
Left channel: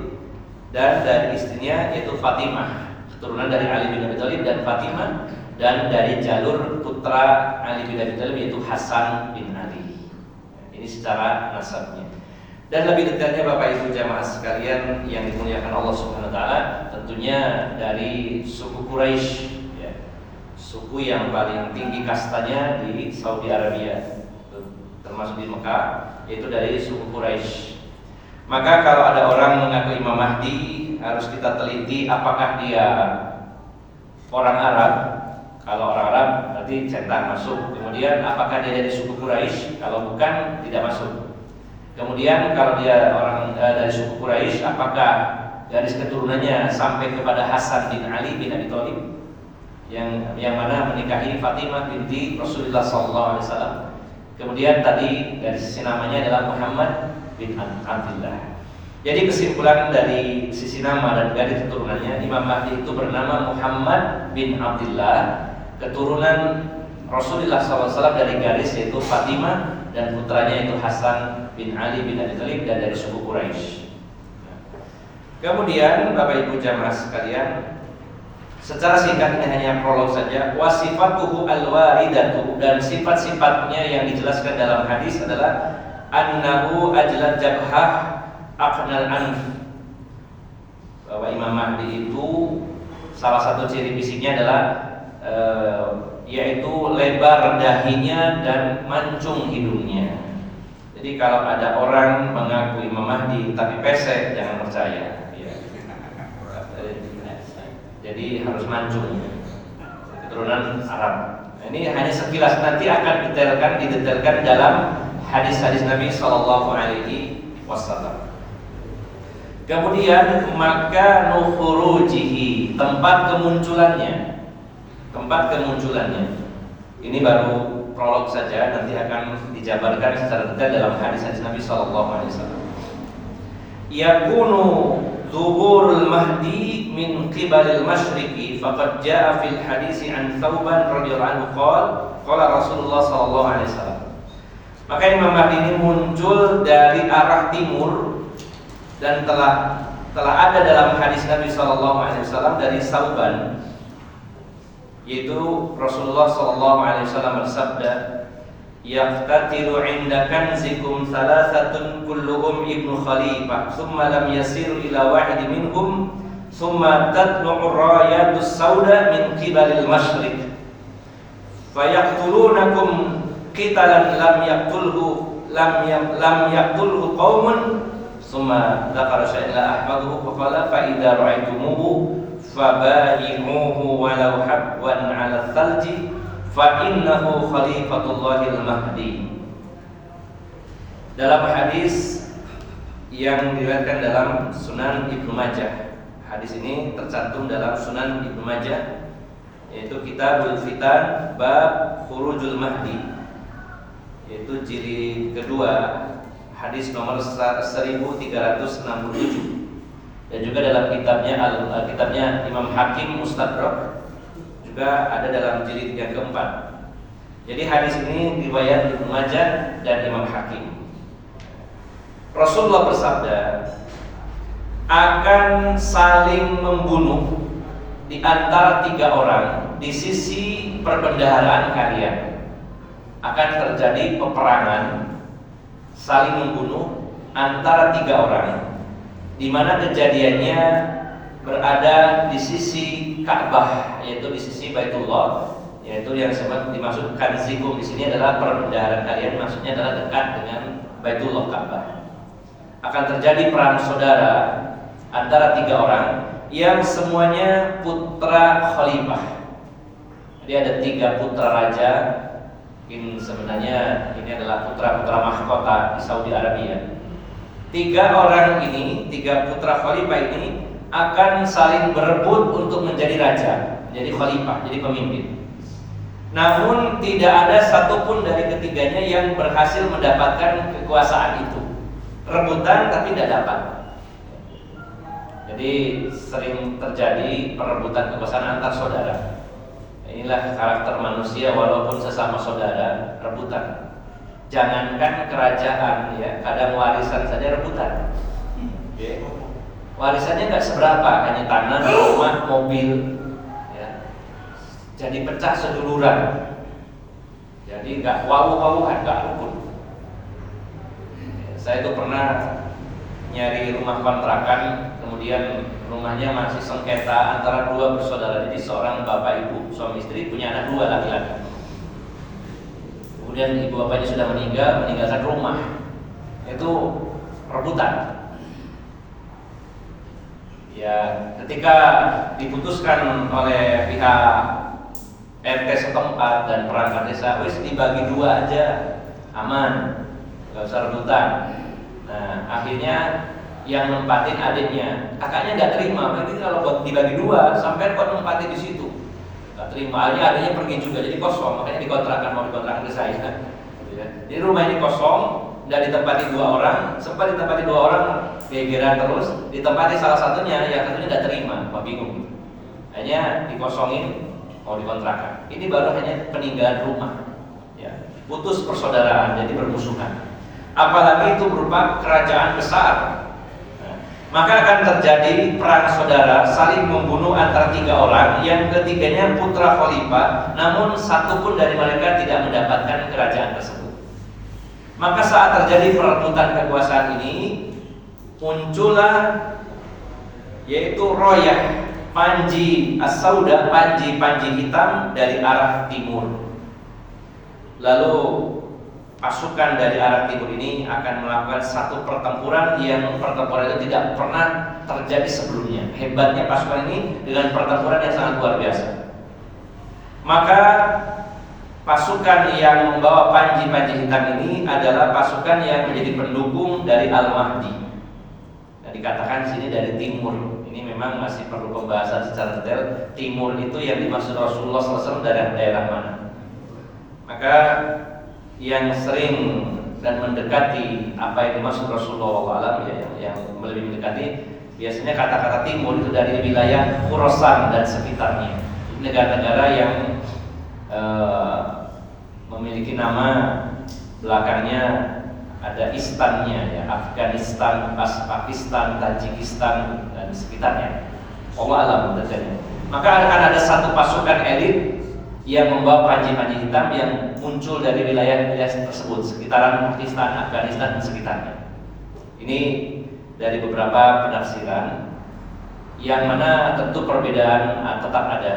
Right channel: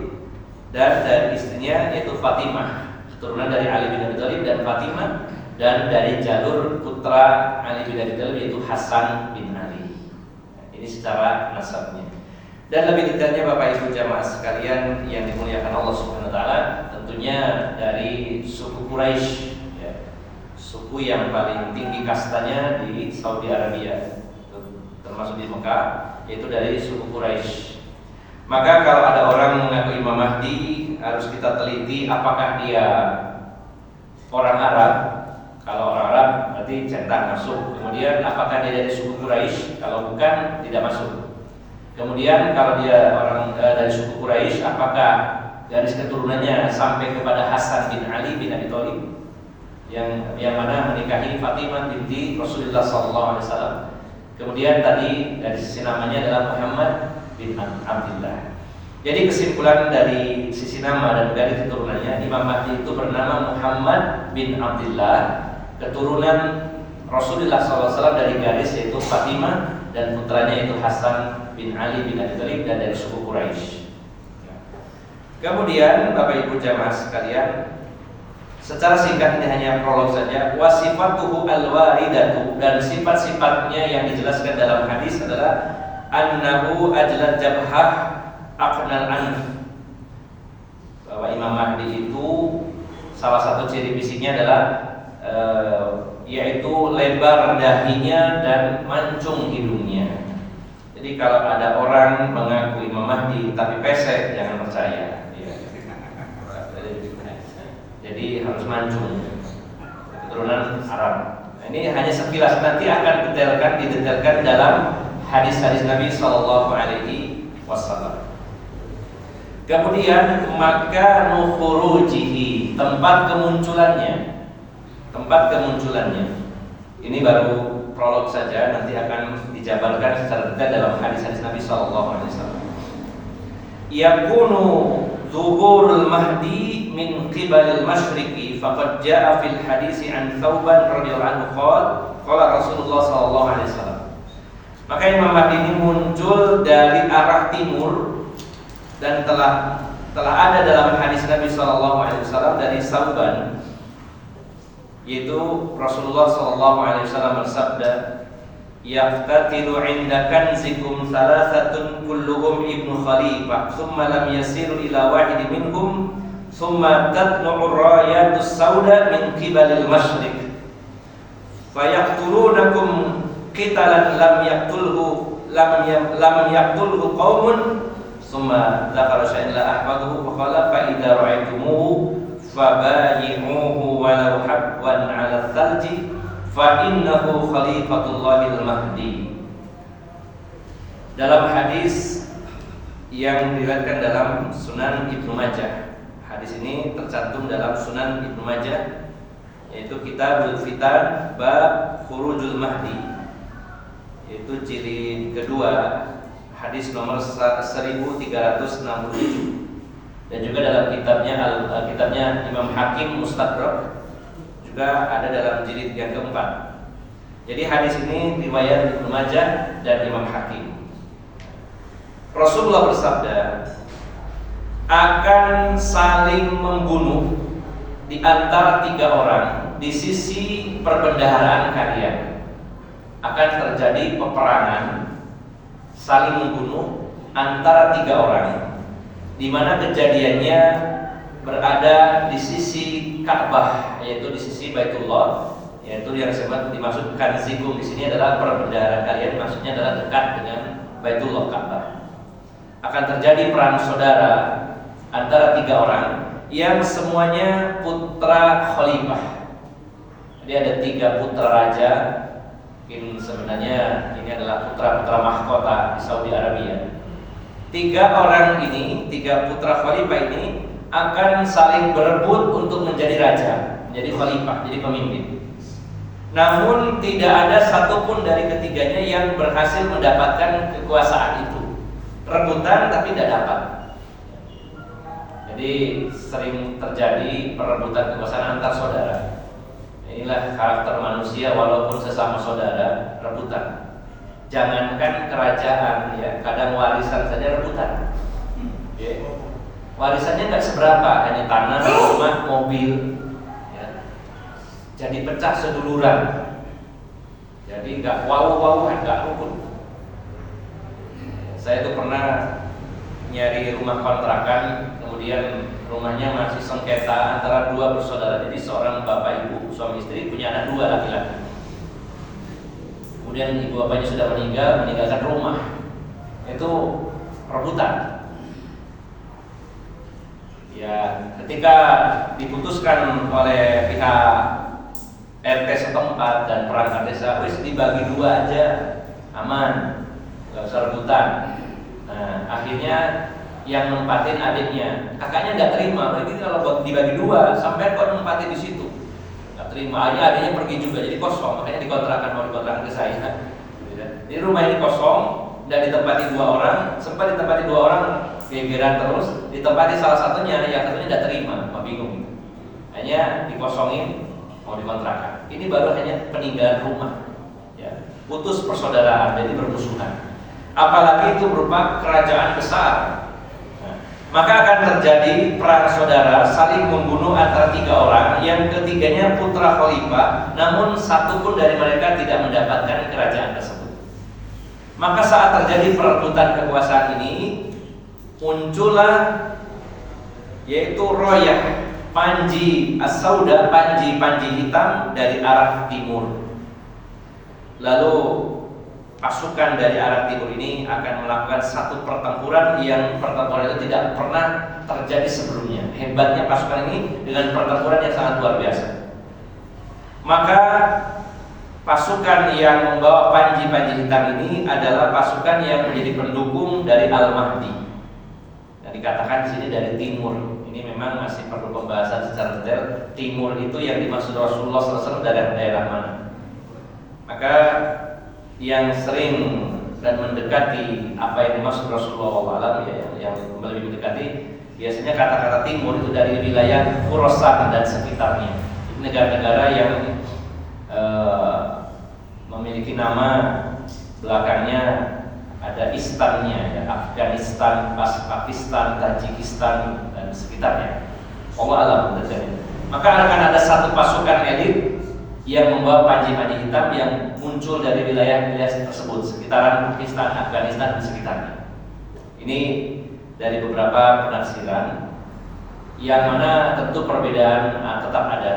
dan dari istrinya yaitu Fatimah. keturunan dari Ali bin Abi Thalib dan Fatimah, dan dari jalur putra Ali bin Abi Thalib yaitu Hasan bin Ali. Ini secara nasabnya. Dan lebih detailnya Bapak Ibu jamaah sekalian yang dimuliakan Allah Subhanahu wa taala, tentunya dari suku Quraisy, ya. Suku yang paling tinggi kastanya di Saudi Arabia, termasuk di Mekah, yaitu dari suku Quraisy. Maka kalau ada orang mengaku Imam Mahdi, harus kita teliti apakah dia orang Arab. Kalau orang Arab berarti cetak masuk. Kemudian apakah dia dari suku Quraisy? Kalau bukan, tidak masuk. Kemudian kalau dia orang dari suku Quraisy, apakah garis keturunannya sampai kepada Hasan bin Ali bin Abi Thalib yang mana menikahi Fatimah binti Rasulullah SAW. Kemudian tadi dari sisi namanya adalah Muhammad bin Abdullah. Jadi kesimpulan dari sisi nama dan garis keturunannya, Imam Mahdi itu bernama Muhammad bin Abdullah, keturunan Rasulullah SAW dari garis yaitu Fatimah, dan putranya yaitu Hasan bin Ali bin Abi Thalib dan dari suku Quraisy. Kemudian Bapak Ibu jamaah sekalian, secara singkat ini hanya prolog saja. Wasifatuhu al-waridatu, dan sifat-sifatnya yang dijelaskan dalam hadis adalah annahu ajlad jabhah aqnal anf. Bahwa Imam Mahdi itu salah satu ciri fisiknya adalah yaitu lebar dahinya dan mancung hidungnya. Jadi kalau ada orang mengaku Imam Mahdi tapi pesek, jangan percaya. Ya. Jadi harus mancung, keturunan Arab. Nah, ini hanya sekilas, nanti akan didetailkan dalam hadis-hadis Nabi Shallallahu Alaihi Wasallam. Kemudian makanu khurujihi, tempat kemunculannya. Ini baru prolog saja, nanti akan dijabarkan secara detail dalam hadis-hadis Nabi Sallallahu Alaihi Wasallam. Yakunu zuhurul mahdi min qibalil masyriqi, faqad jaa fil hadisi an Thauban radhiyallahu anhu qala Rasulullah Sallallahu Alaihi Wasallam. Maka Imam Mahdi ini muncul dari arah timur, dan telah ada dalam hadis Nabi Sallallahu Alaihi Wasallam dari Thauban, yaitu Rasulullah SAW bersabda, yaftatiru inda kanzikum salasatun kulluhum ibnu khalifah thumma lam yasiru ila wahid minhum thumma tatlu'ur rayatus sauda min qibalil masyriq fayaqtulunakum qitalan lam yaqtulhu qaumun thumma dzakara syai'an la ahfaduhu fa qala fa idza ra'aytumuhu fabayi'uhu walau habwan 'ala thalji fa innahu khalifatullahil mahdi. Dalam hadis yang diriwayatkan dalam Sunan Ibnu Majah, hadis ini tercantum dalam Sunan Ibnu Majah, yaitu Kitabul Fitan bab Khurujul Mahdi, yaitu jilid kedua, hadis nomor 1367. Dan juga dalam kitabnya Imam Hakim Mustadrak juga ada dalam jilid yang keempat. Jadi hadis ini riwayat Ibnu Majah dan Imam Hakim. Rasulullah bersabda, akan saling membunuh di antara 3 orang di sisi perbendaharaan kalian. Akan terjadi peperangan, saling membunuh antara 3 orang, di mana kejadiannya berada di sisi Ka'bah, yaitu di sisi Baitullah, yaitu yang dimaksud kanzikum di sini adalah perbendaharaan kalian, maksudnya adalah dekat dengan Baitullah Ka'bah. Akan terjadi perang saudara antara 3 orang yang semuanya putra khalifah. Jadi ada 3 putra raja. Mungkin sebenarnya ini adalah putra-putra mahkota di Saudi Arabia. 3 orang ini, 3 putra khalifah ini akan saling berebut untuk menjadi raja, menjadi khalifah, jadi pemimpin. Namun tidak ada satupun dari ketiganya yang berhasil mendapatkan kekuasaan itu. Rebutan tapi tidak dapat. Jadi sering terjadi perebutan kekuasaan antar saudara. Inilah karakter manusia, walaupun sesama saudara rebutan. Jangankan kerajaan, ya, kadang warisan saja rebutan. warisannya nggak seberapa, hanya tanah, rumah, mobil, ya. Jadi pecah seduluran. Jadi nggak wow-wowan, nggak rukun. Saya tuh pernah nyari rumah kontrakan, kemudian rumahnya masih sengketa antara dua bersaudara. Jadi seorang bapak ibu, suami istri, punya anak dua laki-laki. Kemudian ibu bapaknya sudah meninggalkan rumah. Itu rebutan. Ya, ketika diputuskan oleh pihak RT setempat dan perangkat desa, wis dibagi dua aja, aman, nggak usah rebutan. Nah, akhirnya yang nempatin adiknya, kakaknya nggak terima. Begitu kalau dibagi dua, sampai kok nempatin di situ, nggak terima. Akhirnya adiknya pergi juga, jadi kosong. Makanya mau dikontrakan ke saya. Jadi rumah ini kosong, dan ditempati dua orang. Sempat ditempati dua orang, gegeran terus. Ditempati salah satunya, yang satunya nggak terima, bingung. Hanya dikosongin, mau dikontrakan. Ini baru hanya peninggalan rumah, ya. Putus persaudaraan, jadi bermusuhan. Apalagi itu berupa kerajaan besar. Maka akan terjadi perang saudara, saling membunuh antara tiga orang, yang ketiganya putra khalifah, namun satu pun dari mereka tidak mendapatkan kerajaan tersebut. Maka saat terjadi perebutan kekuasaan ini, muncullah yaitu royah Panji As-Sauda, panji hitam dari arah timur. Lalu pasukan dari arah timur ini akan melakukan satu pertempuran yang pertempuran itu tidak pernah terjadi sebelumnya. Hebatnya pasukan ini dengan pertempuran yang sangat luar biasa. Maka pasukan yang membawa panji hitam ini adalah pasukan yang menjadi pendukung dari Al-Mahdi. Nah, dikatakan di sini dari timur. Ini memang masih perlu pembahasan secara detail. Timur itu yang dimaksud Rasulullah SAW dari daerah mana? Maka yang sering dan mendekati apa yang dimaksud Rasulullah SAW, ya, yang lebih mendekati, biasanya kata-kata timur itu dari wilayah Khurasan dan sekitarnya. Negara-negara yang memiliki nama belakangnya ada istannya, ya, Afghanistan, Pakistan, Tajikistan dan sekitarnya. Allah alam detailnya. Maka akan ada satu pasukan elit yang membawa panji hitam yang muncul dari wilayah-wilayah tersebut, sekitaran Pakistan, Afghanistan dan sekitarnya. Ini dari beberapa penafsiran, yang mana tentu perbedaan tetap ada.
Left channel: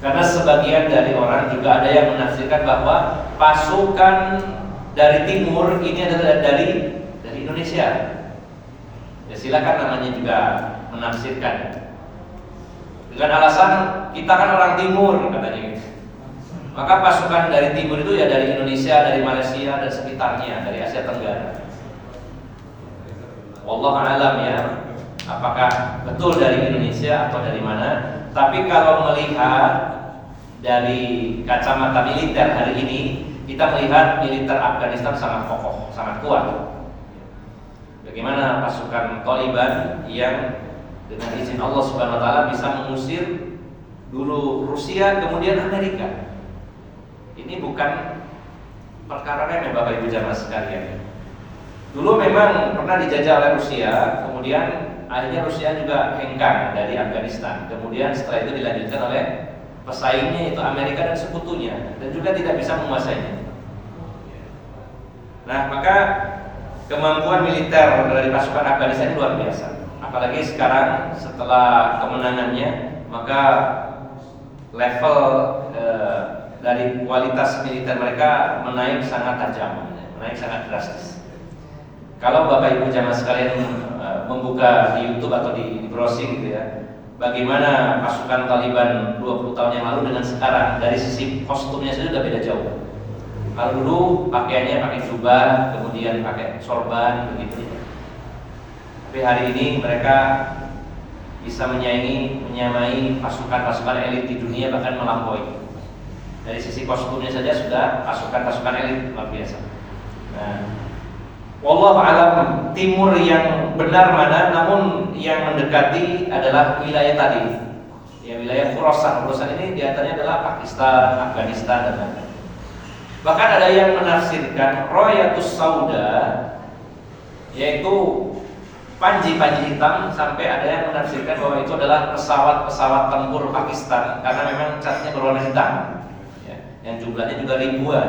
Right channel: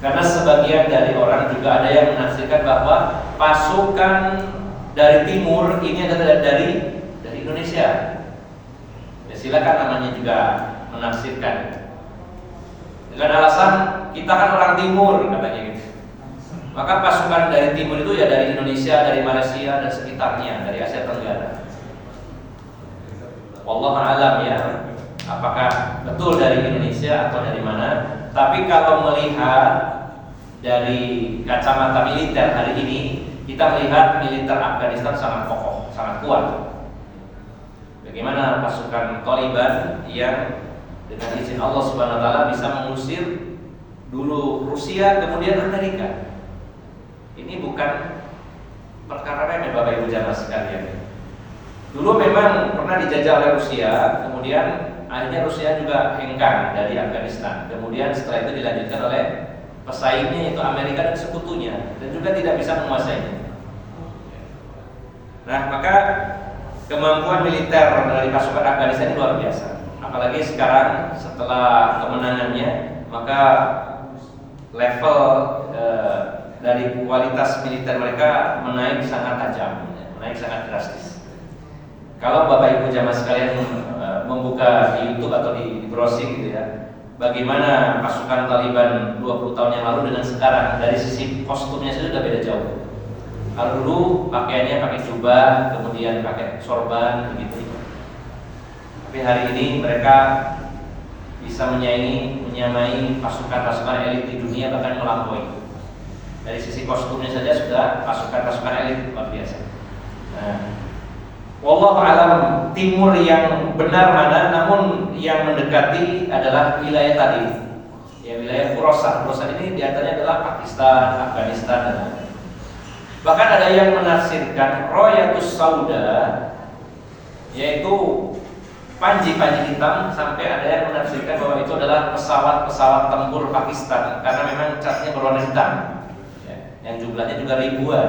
Karena sebagian dari orang juga ada yang menafsirkan bahwa pasukan dari timur ini adalah dari Indonesia. Ya, silakan namanya juga menafsirkan. Dengan alasan kita kan orang timur katanya gitu. Maka pasukan dari timur itu ya dari Indonesia, dari Malaysia dan sekitarnya, dari Asia Tenggara. Wallahu a'lam ya, apakah betul dari Indonesia atau dari mana? Tapi kalau melihat dari kacamata militer hari ini, kita melihat militer Afghanistan sangat kokoh, sangat kuat. Bagaimana pasukan Taliban yang dengan izin Allah Subhanahu wa taala bisa mengusir dulu Rusia, kemudian Amerika. Ini bukan perkara remeh Bapak Ibu jamaah sekalian. Dulu memang pernah dijajah oleh Rusia, kemudian akhirnya Rusia juga hengkang dari Afghanistan. Kemudian setelah itu dilanjutkan oleh pesaingnya yaitu Amerika dan sekutunya, dan juga tidak bisa menguasainya. Nah, maka kemampuan militer dari pasukan Afghanistan luar biasa. Apalagi sekarang setelah kemenangannya, maka level dari kualitas militer mereka menaik sangat tajam, menaik sangat drastis. Kalau Bapak Ibu jamaah sekalian membuka di YouTube atau di browsing gitu ya, bagaimana pasukan Taliban 20 tahun yang lalu dengan sekarang, dari sisi kostumnya sudah beda jauh. Kalau dulu pakaiannya pakai jubah, kemudian pakai sorban begitu. Tapi hari ini mereka bisa menyamai pasukan-pasukan elit di dunia, bahkan melampaui. Dari sisi kostumnya saja sudah pasukan-pasukan elit luar biasa. Nah, wallahu alam timur yang benar mana, namun yang mendekati adalah wilayah tadi. Ya, wilayah Khurasan. Khurasan ini diantaranya adalah Pakistan, Afghanistan dan lain-lain. Bahkan ada yang menafsirkan Royatus Sauda, yaitu panji-panji hitam, sampai ada yang menafsirkan bahwa itu adalah pesawat-pesawat tempur Pakistan karena memang catnya berwarna hitam, ya, yang jumlahnya juga ribuan.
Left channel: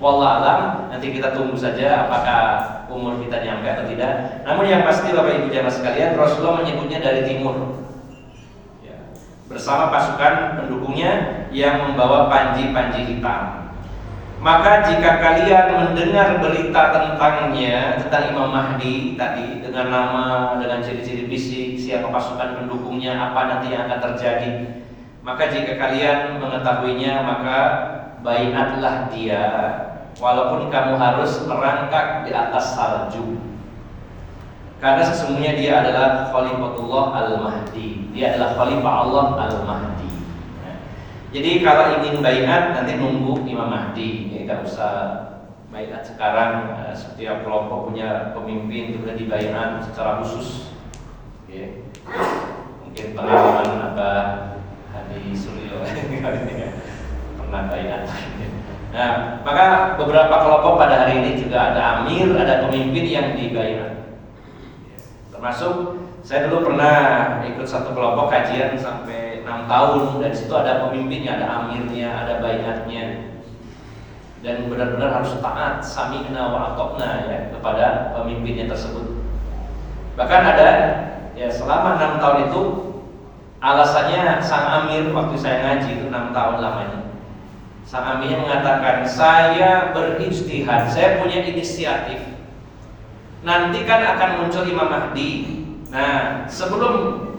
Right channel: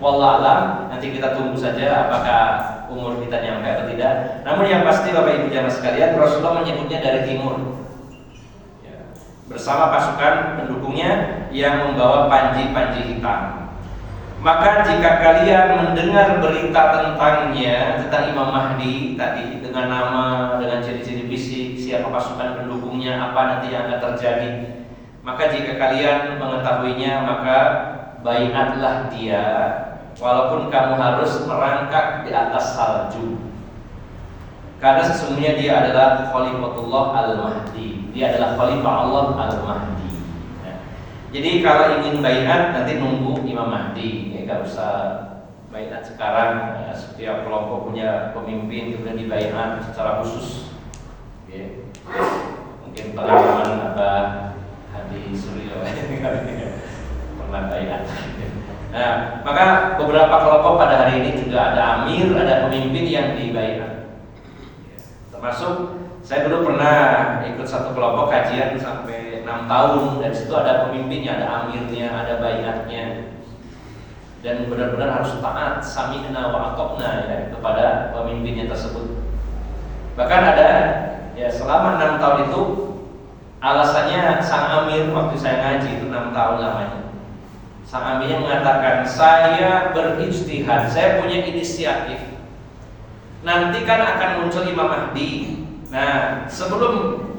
Wallahualam, nanti kita tunggu saja apakah umur kita nyampe atau tidak. Namun yang pasti Bapak Ibu jamaah sekalian, Rasulullah menyebutnya dari timur, ya, bersama pasukan pendukungnya yang membawa panji-panji hitam. Maka jika kalian mendengar berita tentangnya, tentang Imam Mahdi tadi, dengan nama, dengan ciri-ciri fisik, siapa pasukan pendukungnya, apa nanti yang akan terjadi, maka jika kalian mengetahuinya, maka baiatlah dia, walaupun kamu harus merangkak di atas salju. Karena sesungguhnya dia adalah Khalifatullah Al-Mahdi. Dia adalah Khalifah Allah Al-Mahdi. Jadi kalau ingin baiat, nanti nunggu Imam Mahdi. Gak usah baiat sekarang. Setiap kelompok punya pemimpin, kemudian dibaiat secara khusus. Oke. Mungkin pengalaman Abah Hadi Suryo pernah baiat. Nah, maka beberapa kelompok pada hari ini juga ada amir, ada pemimpin yang dibaiat. Termasuk saya dulu pernah ikut satu kelompok kajian sampai 6 tahun. Dari situ ada pemimpinnya, ada amirnya, ada baiatnya. Dan benar-benar harus taat, sami'na wa ata'na, ya, kepada pemimpinnya tersebut. Bahkan ada, ya, selama 6 tahun itu alasannya sang amir waktu saya ngaji itu 6 tahun lamanya. Sang amirnya mengatakan, saya berijtihad, saya punya inisiatif. Nanti kan akan muncul Imam Mahdi. Nah, sebelum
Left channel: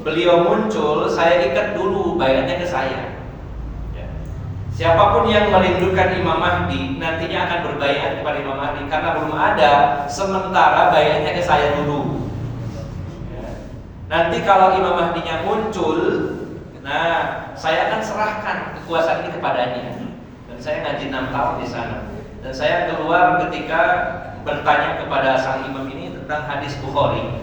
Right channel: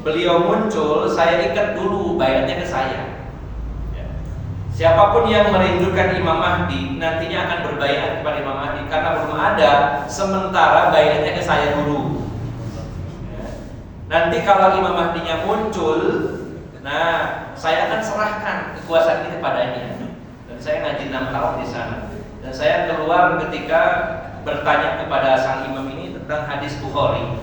beliau muncul, saya ikat dulu baiatnya ke saya. Siapapun yang merindukan Imam Mahdi nantinya akan berbaiat kepada Imam Mahdi, karena belum ada, sementara baiatnya ke saya dulu. Nanti kalau Imam Mahdinya muncul, nah saya akan serahkan kekuasaan ini kepadanya. Dan saya ngaji 6 tahun di sana. Dan saya keluar ketika bertanya kepada sang imam ini tentang hadis Bukhari.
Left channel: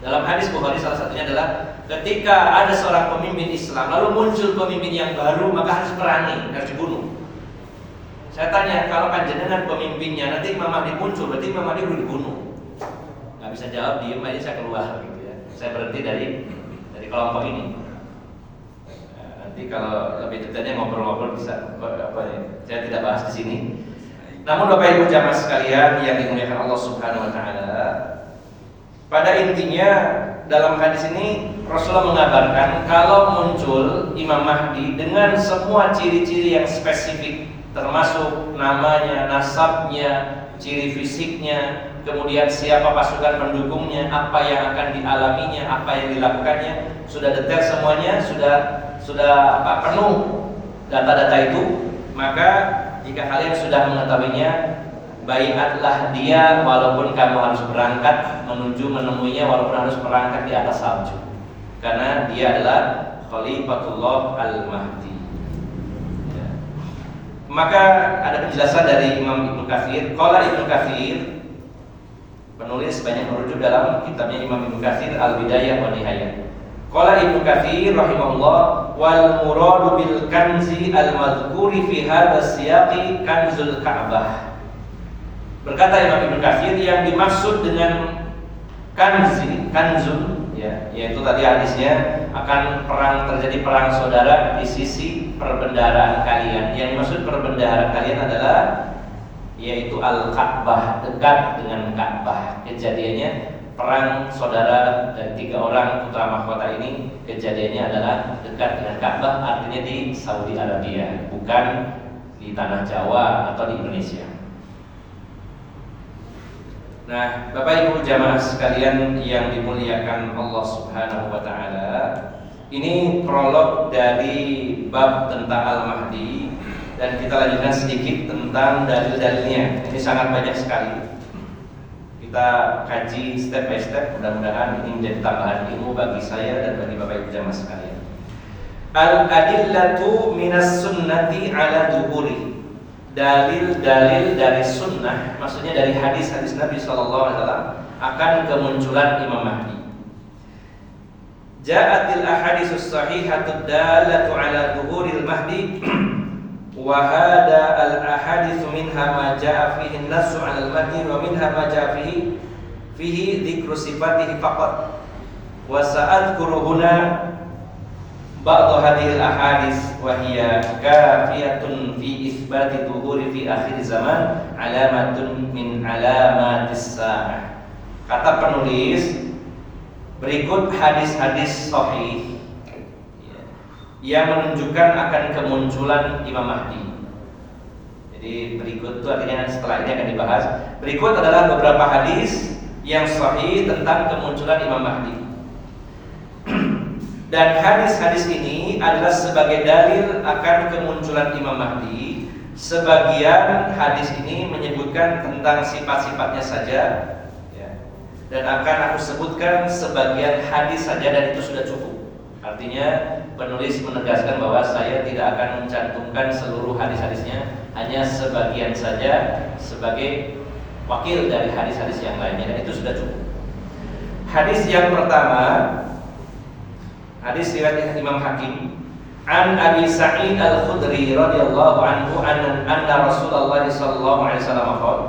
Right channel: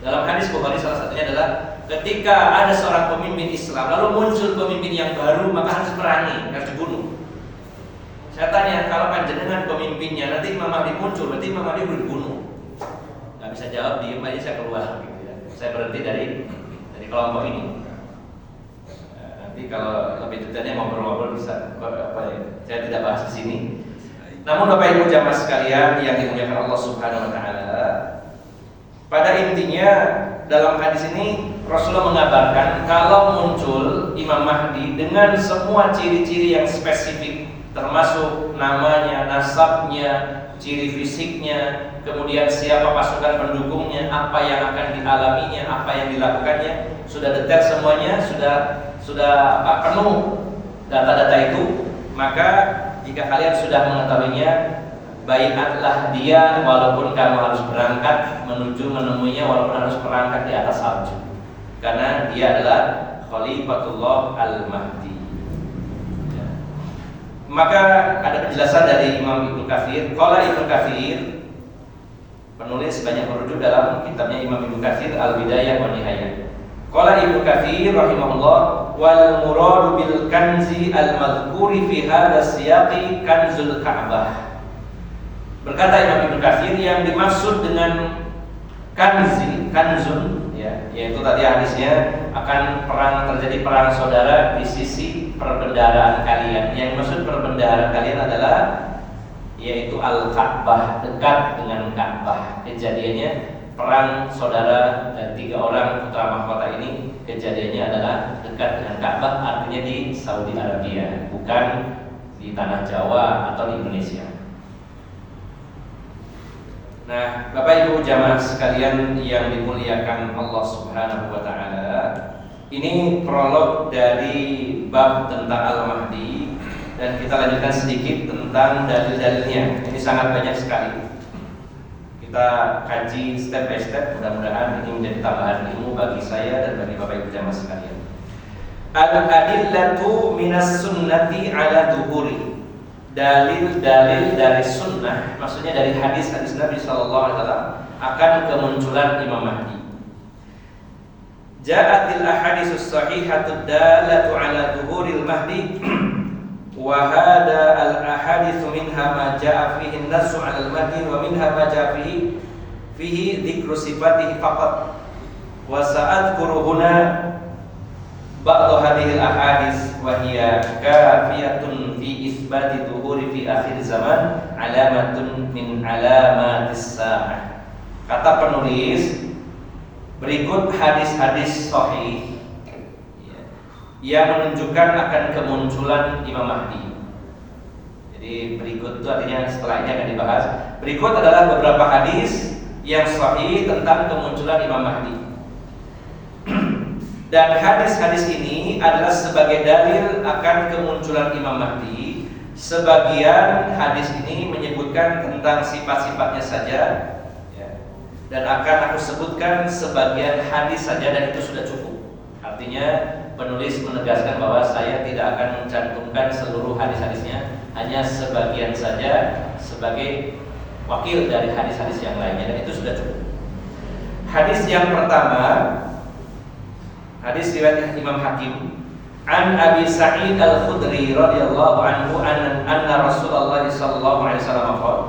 Dalam hadis Bukhari salah satunya adalah ketika ada seorang pemimpin Islam lalu muncul pemimpin yang baru, maka harus perangi, harus dibunuh. Saya tanya, kalau panjenengan pemimpinnya, nanti Imam Mahdi muncul, berarti Imam Mahdi perlu dibunuh. Gak bisa jawab, diem aja, saya keluar gitu ya. Saya berhenti dari kelompok ini. Nah, nanti kalau lebih detailnya ngobrol-ngobrol bisa, saya tidak bahas di sini. Namun Bapak Ibu jamaah sekalian yang dimuliakan Allah Subhanahu wa taala, pada intinya dalam hadis ini Rasulullah mengabarkan kalau muncul Imam Mahdi dengan semua ciri-ciri yang spesifik, termasuk namanya, nasabnya, ciri fisiknya, kemudian siapa pasukan pendukungnya, apa yang akan dialaminya, apa yang dilakukannya, sudah detail semuanya, sudah penuh data-data itu. Maka jika kalian sudah mengetahuinya, baiatlah dia walaupun kamu harus berangkat menuju menemuinya, walaupun harus berangkat di atas salju, karena dia adalah Khalifatullah Al-Mahdi. Ya. Maka ada penjelasan dari Imam Ibnu Katsir. Qala Ibnu Katsir, penulis banyak merujuk dalam kitabnya Imam Ibnu Katsir Al-Bidayah wa Nihayah. Qala Ibnu Katsir rahimahullah, wal muradu bil kanzi al-madhkuri fi hadha siyaqi kanzul Ka'bah. Berkata Imam Ibnu Katsir, yang dimaksud dengan kanzun, ya, yaitu tadi hadisnya akan terjadi perang saudara di sisi perbendaharaan kalian. Yang dimaksud perbendaharaan kalian adalah yaitu Al-Ka'bah, dekat dengan Ka'bah. Kejadiannya perang saudara dan 3 orang putra mahkota ini kejadiannya adalah dekat dengan Ka'bah, artinya di Saudi Arabia, bukan di tanah Jawa atau di Indonesia. Nah, Bapak Ibu jamaah sekalian yang dimuliakan Allah Subhanahu wa taala, ini prolog dari bab tentang Al-Mahdi, dan kita lanjutkan sedikit tentang dalil-dalilnya. Ini sangat banyak sekali. Kita kaji step by step, mudah-mudahan ini menjadi tambahan ilmu bagi saya dan bagi Bapak Ibu jamaah sekalian. Al-adillatu minas sunnati ala duhuri. Dalil-dalil dari sunnah, maksudnya dari hadis-hadis Nabi SAW akan kemunculan Imam Mahdi. Ja'atil ahaditsus sahihatud dalatu ala duhuril mahdi wa hada al ahaditsu minha ma ja'a fihi an-nassu 'ala al-mahdi wa minha ma ja'a fihi fihi dzikru sifatihi faqat wa sa'adkuru huna ba'd hadhil ahadits wa hiya kafiyatun fi isbati dhuhuri fi akhir zaman alamatun min alamatis sa'ah. Kata penulis, berikut hadis-hadis sahih yang menunjukkan akan kemunculan Imam Mahdi. Jadi berikut itu artinya setelah ini akan dibahas. Berikut adalah beberapa hadis yang sahih tentang kemunculan Imam Mahdi. Dan hadis-hadis ini adalah sebagai dalil akan kemunculan Imam Mahdi. Sebagian hadis ini menyebutkan tentang sifat-sifatnya saja, ya. Dan akan aku sebutkan sebagian hadis saja dan itu sudah cukup. Artinya penulis menegaskan bahwa saya tidak akan mencantumkan seluruh hadis-hadisnya, hanya sebagian saja sebagai wakil dari hadis-hadis yang lainnya, dan itu sudah cukup. Hadis yang pertama, hadis riwayat Imam Hakim, an Abi Sa'id Al-Khudri radhiyallahu anhu anna Rasulullah sallallahu alaihi wasallam qala.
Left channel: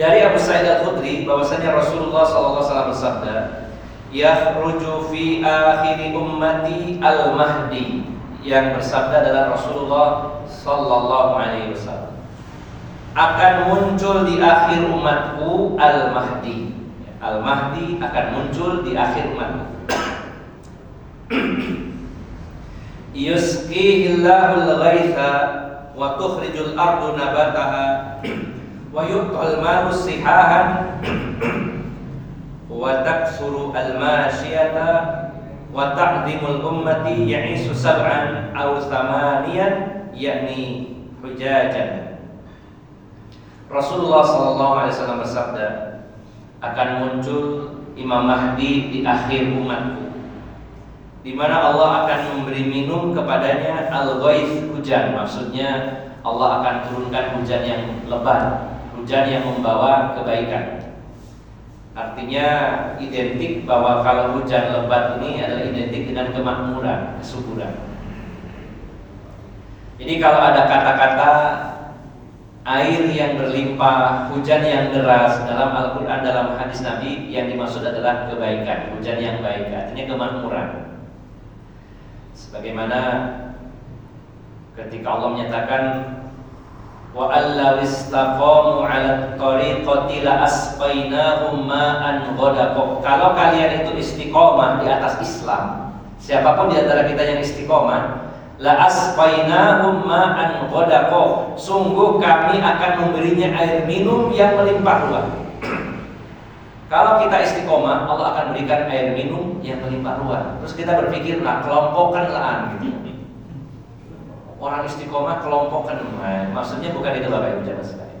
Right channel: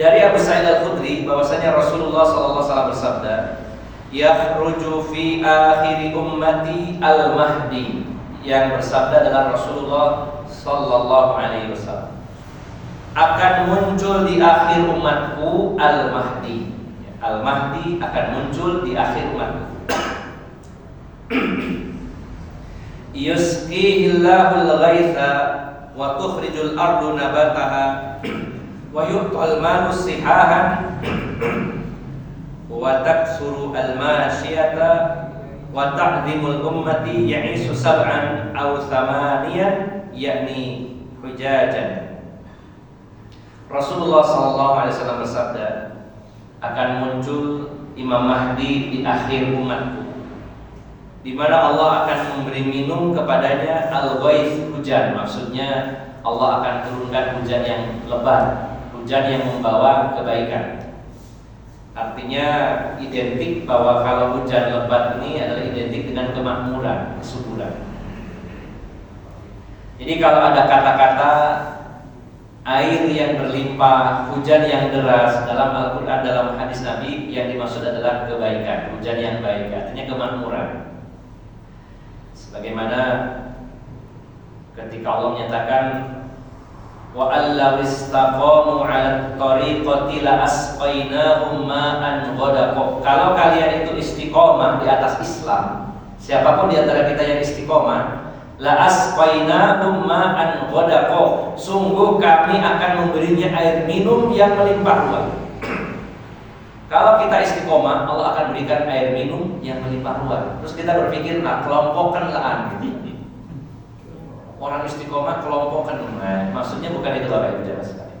Dari Abu Sa'id Al-Khudri bahwasanya Rasulullah sallallahu alaihi wasallam bersabda, yakhruju fi akhiri ummati al-mahdi. Yang bersabda adalah Rasulullah sallallahu alaihi wasallam. Akan muncul di akhir umatku al-mahdi. Al-mahdi akan muncul di akhir umatku. Yusqihillahul ghaitha wa tukhrijul ardu nabataha wa yu'tal malu sihahan wa taksuru al-masyiyata wa ta'dhimul ummati ya'isu sab'an aw thamaniyan yakni hujajan. Rasulullah sallallahu alaihi wasallam bersabda, akan muncul Imam Mahdi di akhir umatku, di mana Allah akan memberi minum kepadanya al-ghaits, hujan. Maksudnya Allah akan turunkan hujan yang lebat, hujan yang membawa kebaikan. Artinya identik bahwa kalau hujan lebat ini adalah identik dengan kemakmuran, kesuburan. Jadi kalau ada kata-kata air yang berlimpah, hujan yang deras dalam Al-Quran, dalam hadis Nabi, yang dimaksud adalah kebaikan, hujan yang baik, artinya kemakmuran. Sebagaimana ketika Allah menyatakan, wa allaw istaqamu 'ala tariqati la asqainahum ma'an ghadaqa. Kalau kalian itu istiqomah di atas Islam, siapapun di antara kita yang istiqomah, la asqainahum ma'an ghadaqa, sungguh kami akan memberinya air minum yang melimpah ruah. Kalau kita istiqomah, Allah akan berikan air minum yang melimpah ruah. Terus kita berpikir, kelompokkanlah gitu. Orang istiqomah kelompokkan, maksudnya bukan itu Bapak Ibu jamaah sekalian.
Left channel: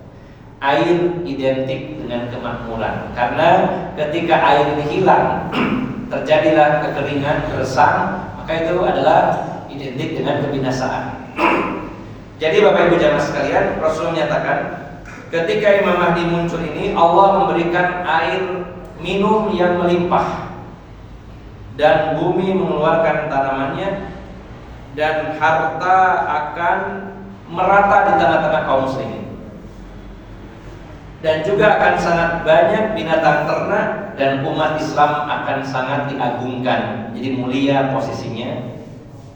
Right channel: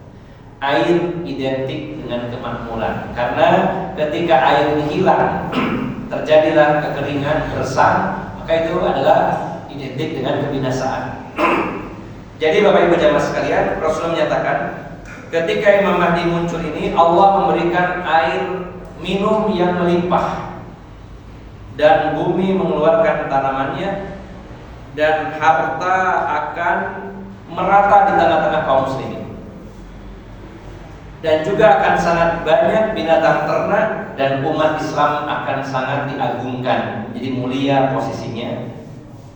Air identik dengan kemakmuran, karena ketika air ini hilang, terjadilah kekeringan, keresahan, maka itu adalah identik dengan kebinasaan. Jadi Bapak Ibu jamaah sekalian, Rasulullah menyatakan, ketika Imam Mahdi muncul ini, Allah memberikan air minum yang melimpah, dan bumi mengeluarkan tanamannya, dan harta akan merata di tengah-tengah kaum muslimin, dan juga akan sangat banyak binatang ternak, dan umat Islam akan sangat diagungkan, jadi mulia posisinya.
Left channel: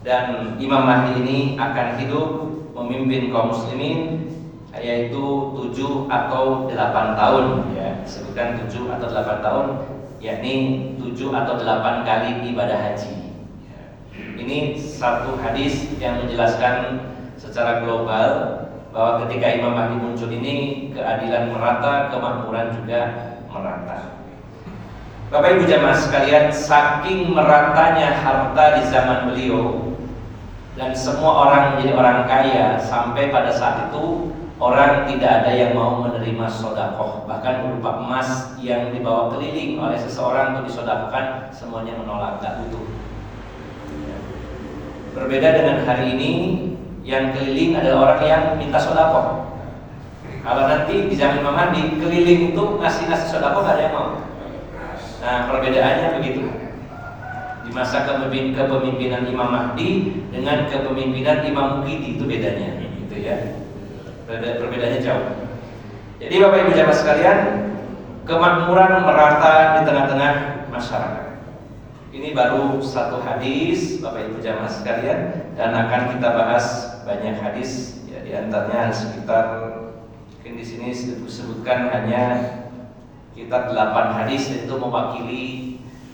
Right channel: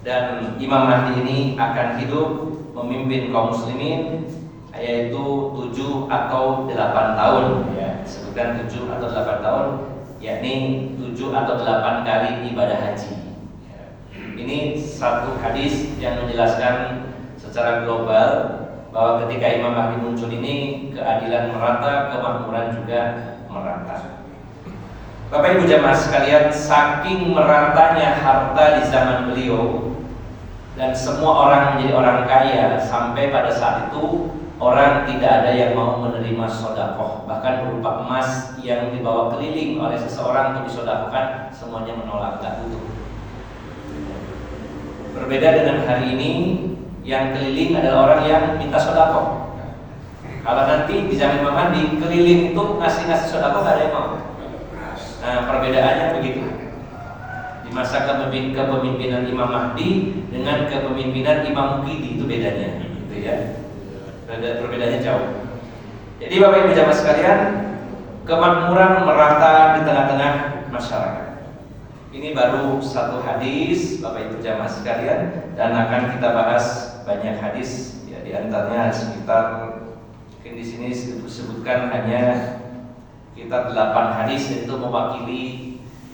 Dan Imam Mahdi ini akan hidup memimpin kaum muslimin, yaitu 7 atau 8 tahun, ya, sebutkan 7 atau 8 tahun, yakni 7 atau 8 kali ibadah haji. Ini satu hadis yang menjelaskan secara global bahwa ketika Imam Mahdi muncul ini, keadilan merata, kemakmuran juga merata. Bapak Ibu jamaah sekalian, saking meratanya harta di zaman beliau, dan semua orang menjadi orang kaya, sampai pada saat itu orang tidak ada yang mau menerima sedekah, bahkan berupa emas yang dibawa keliling oleh seseorang untuk disedekahkan, semuanya menolak, tidak butuh. Berbeda dengan hari ini, yang keliling adalah orang yang minta sedekah. Kalau nanti di zaman Imam Mahdi, keliling itu ngasih sedekah nggak ada yang mau. Nah, perbedaannya begitu. Di masa kepemimpinan Imam Mahdi dengan kepemimpinan Imam Muqidi, itu bedanya, gitu ya. Perbedaannya jauh. Jadi Bapak Ibu jamaah sekalian, kemakmuran merata di tengah-tengah masyarakat. Ini baru satu hadis, Bapak Ibu jamaah sekalian, dan akan kita bahas banyak hadis. Ya, di antaranya sekitar mungkin di sini disebutkan hanya sekitar 8 hadis, itu mewakili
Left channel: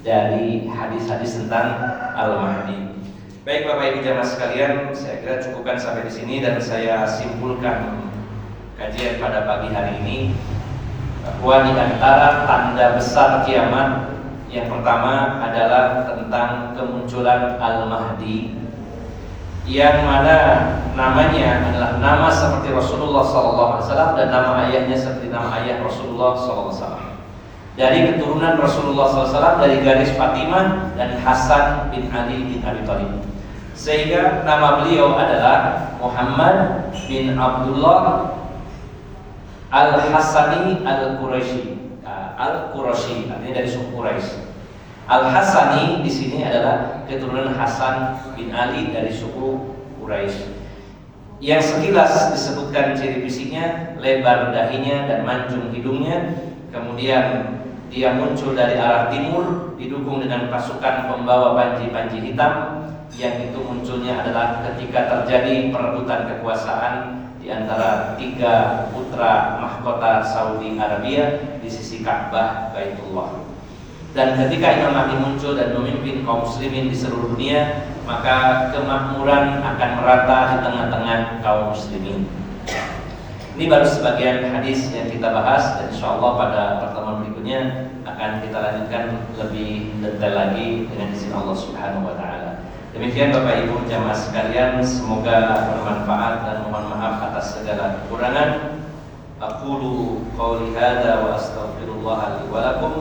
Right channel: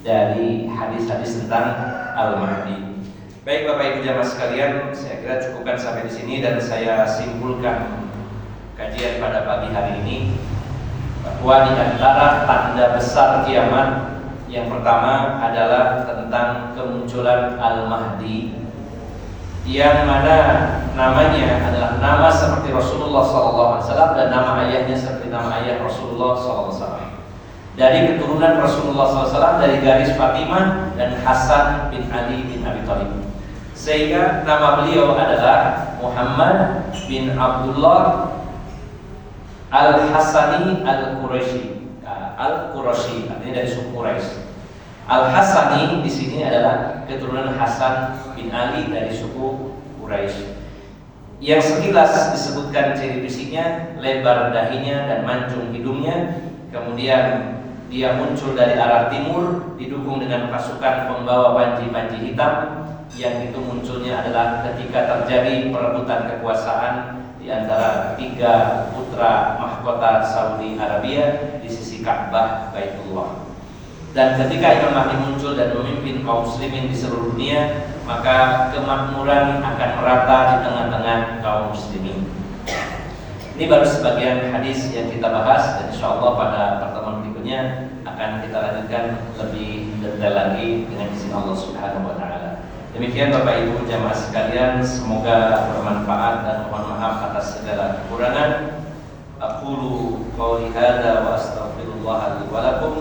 dari hadis-hadis tentang Al-Mahdi. Baik Bapak Ibu jamaah sekalian, saya kira cukupkan sampai di sini dan saya simpulkan kajian pada pagi hari ini bahwa di antara tanda besar kiamat yang pertama adalah tentang kemunculan Al-Mahdi, yang mana namanya adalah nama seperti Rasulullah SAW dan nama ayahnya seperti nama ayah Rasulullah SAW. Dari keturunan Rasulullah SAW, dari garis Fatimah dan Hasan bin Ali bin Abi Thalib. Sehingga nama beliau adalah Muhammad bin Abdullah Al-Hasani Al-Quraisy. Al-Quraisy artinya dari suku Quraisy. Al-Hasani di sini adalah keturunan Hasan bin Ali dari suku Quraisy. Yang sekilas disebutkan ciri fisiknya, lebar dahinya dan mancung hidungnya. Kemudian dia muncul dari arah timur, didukung dengan pasukan pembawa panji-panji hitam, yang itu munculnya adalah ketika terjadi perebutan kekuasaan di antara 3 putra mahkota Saudi Arabia di sisi Ka'bah Baitullah. Dan ketika Imam Mahdi muncul dan memimpin kaum muslimin di seluruh dunia, maka kemakmuran akan merata di tengah-tengah kaum muslimin. Ini baru sebagian hadis yang kita bahas, dan insyaallah pada pertemuan berikutnya akan kita lanjutkan lebih detail lagi dengan izin Allah Subhanahu wa taala. Demikian Bapak Ibu jamaah sekalian, semoga bermanfaat dan mohon maaf atas segala kekurangan. Aqulu qouli hadza wa astaghfirullah li wa lakum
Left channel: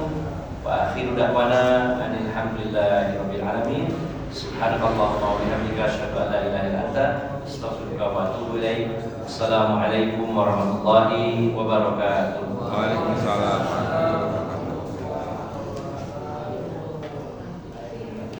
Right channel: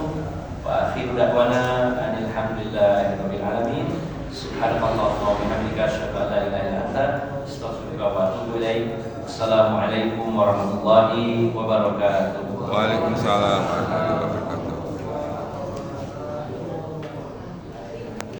wa akhiru da'wana anil hamdulillahi rabbil alamin. Subhanallah wa bihamdika asyhadu an la ilaha illa anta astaghfiruka wa atubu ilaik. Assalamualaikum warahmatullahi wabarakatuh. Waalaikumsalam.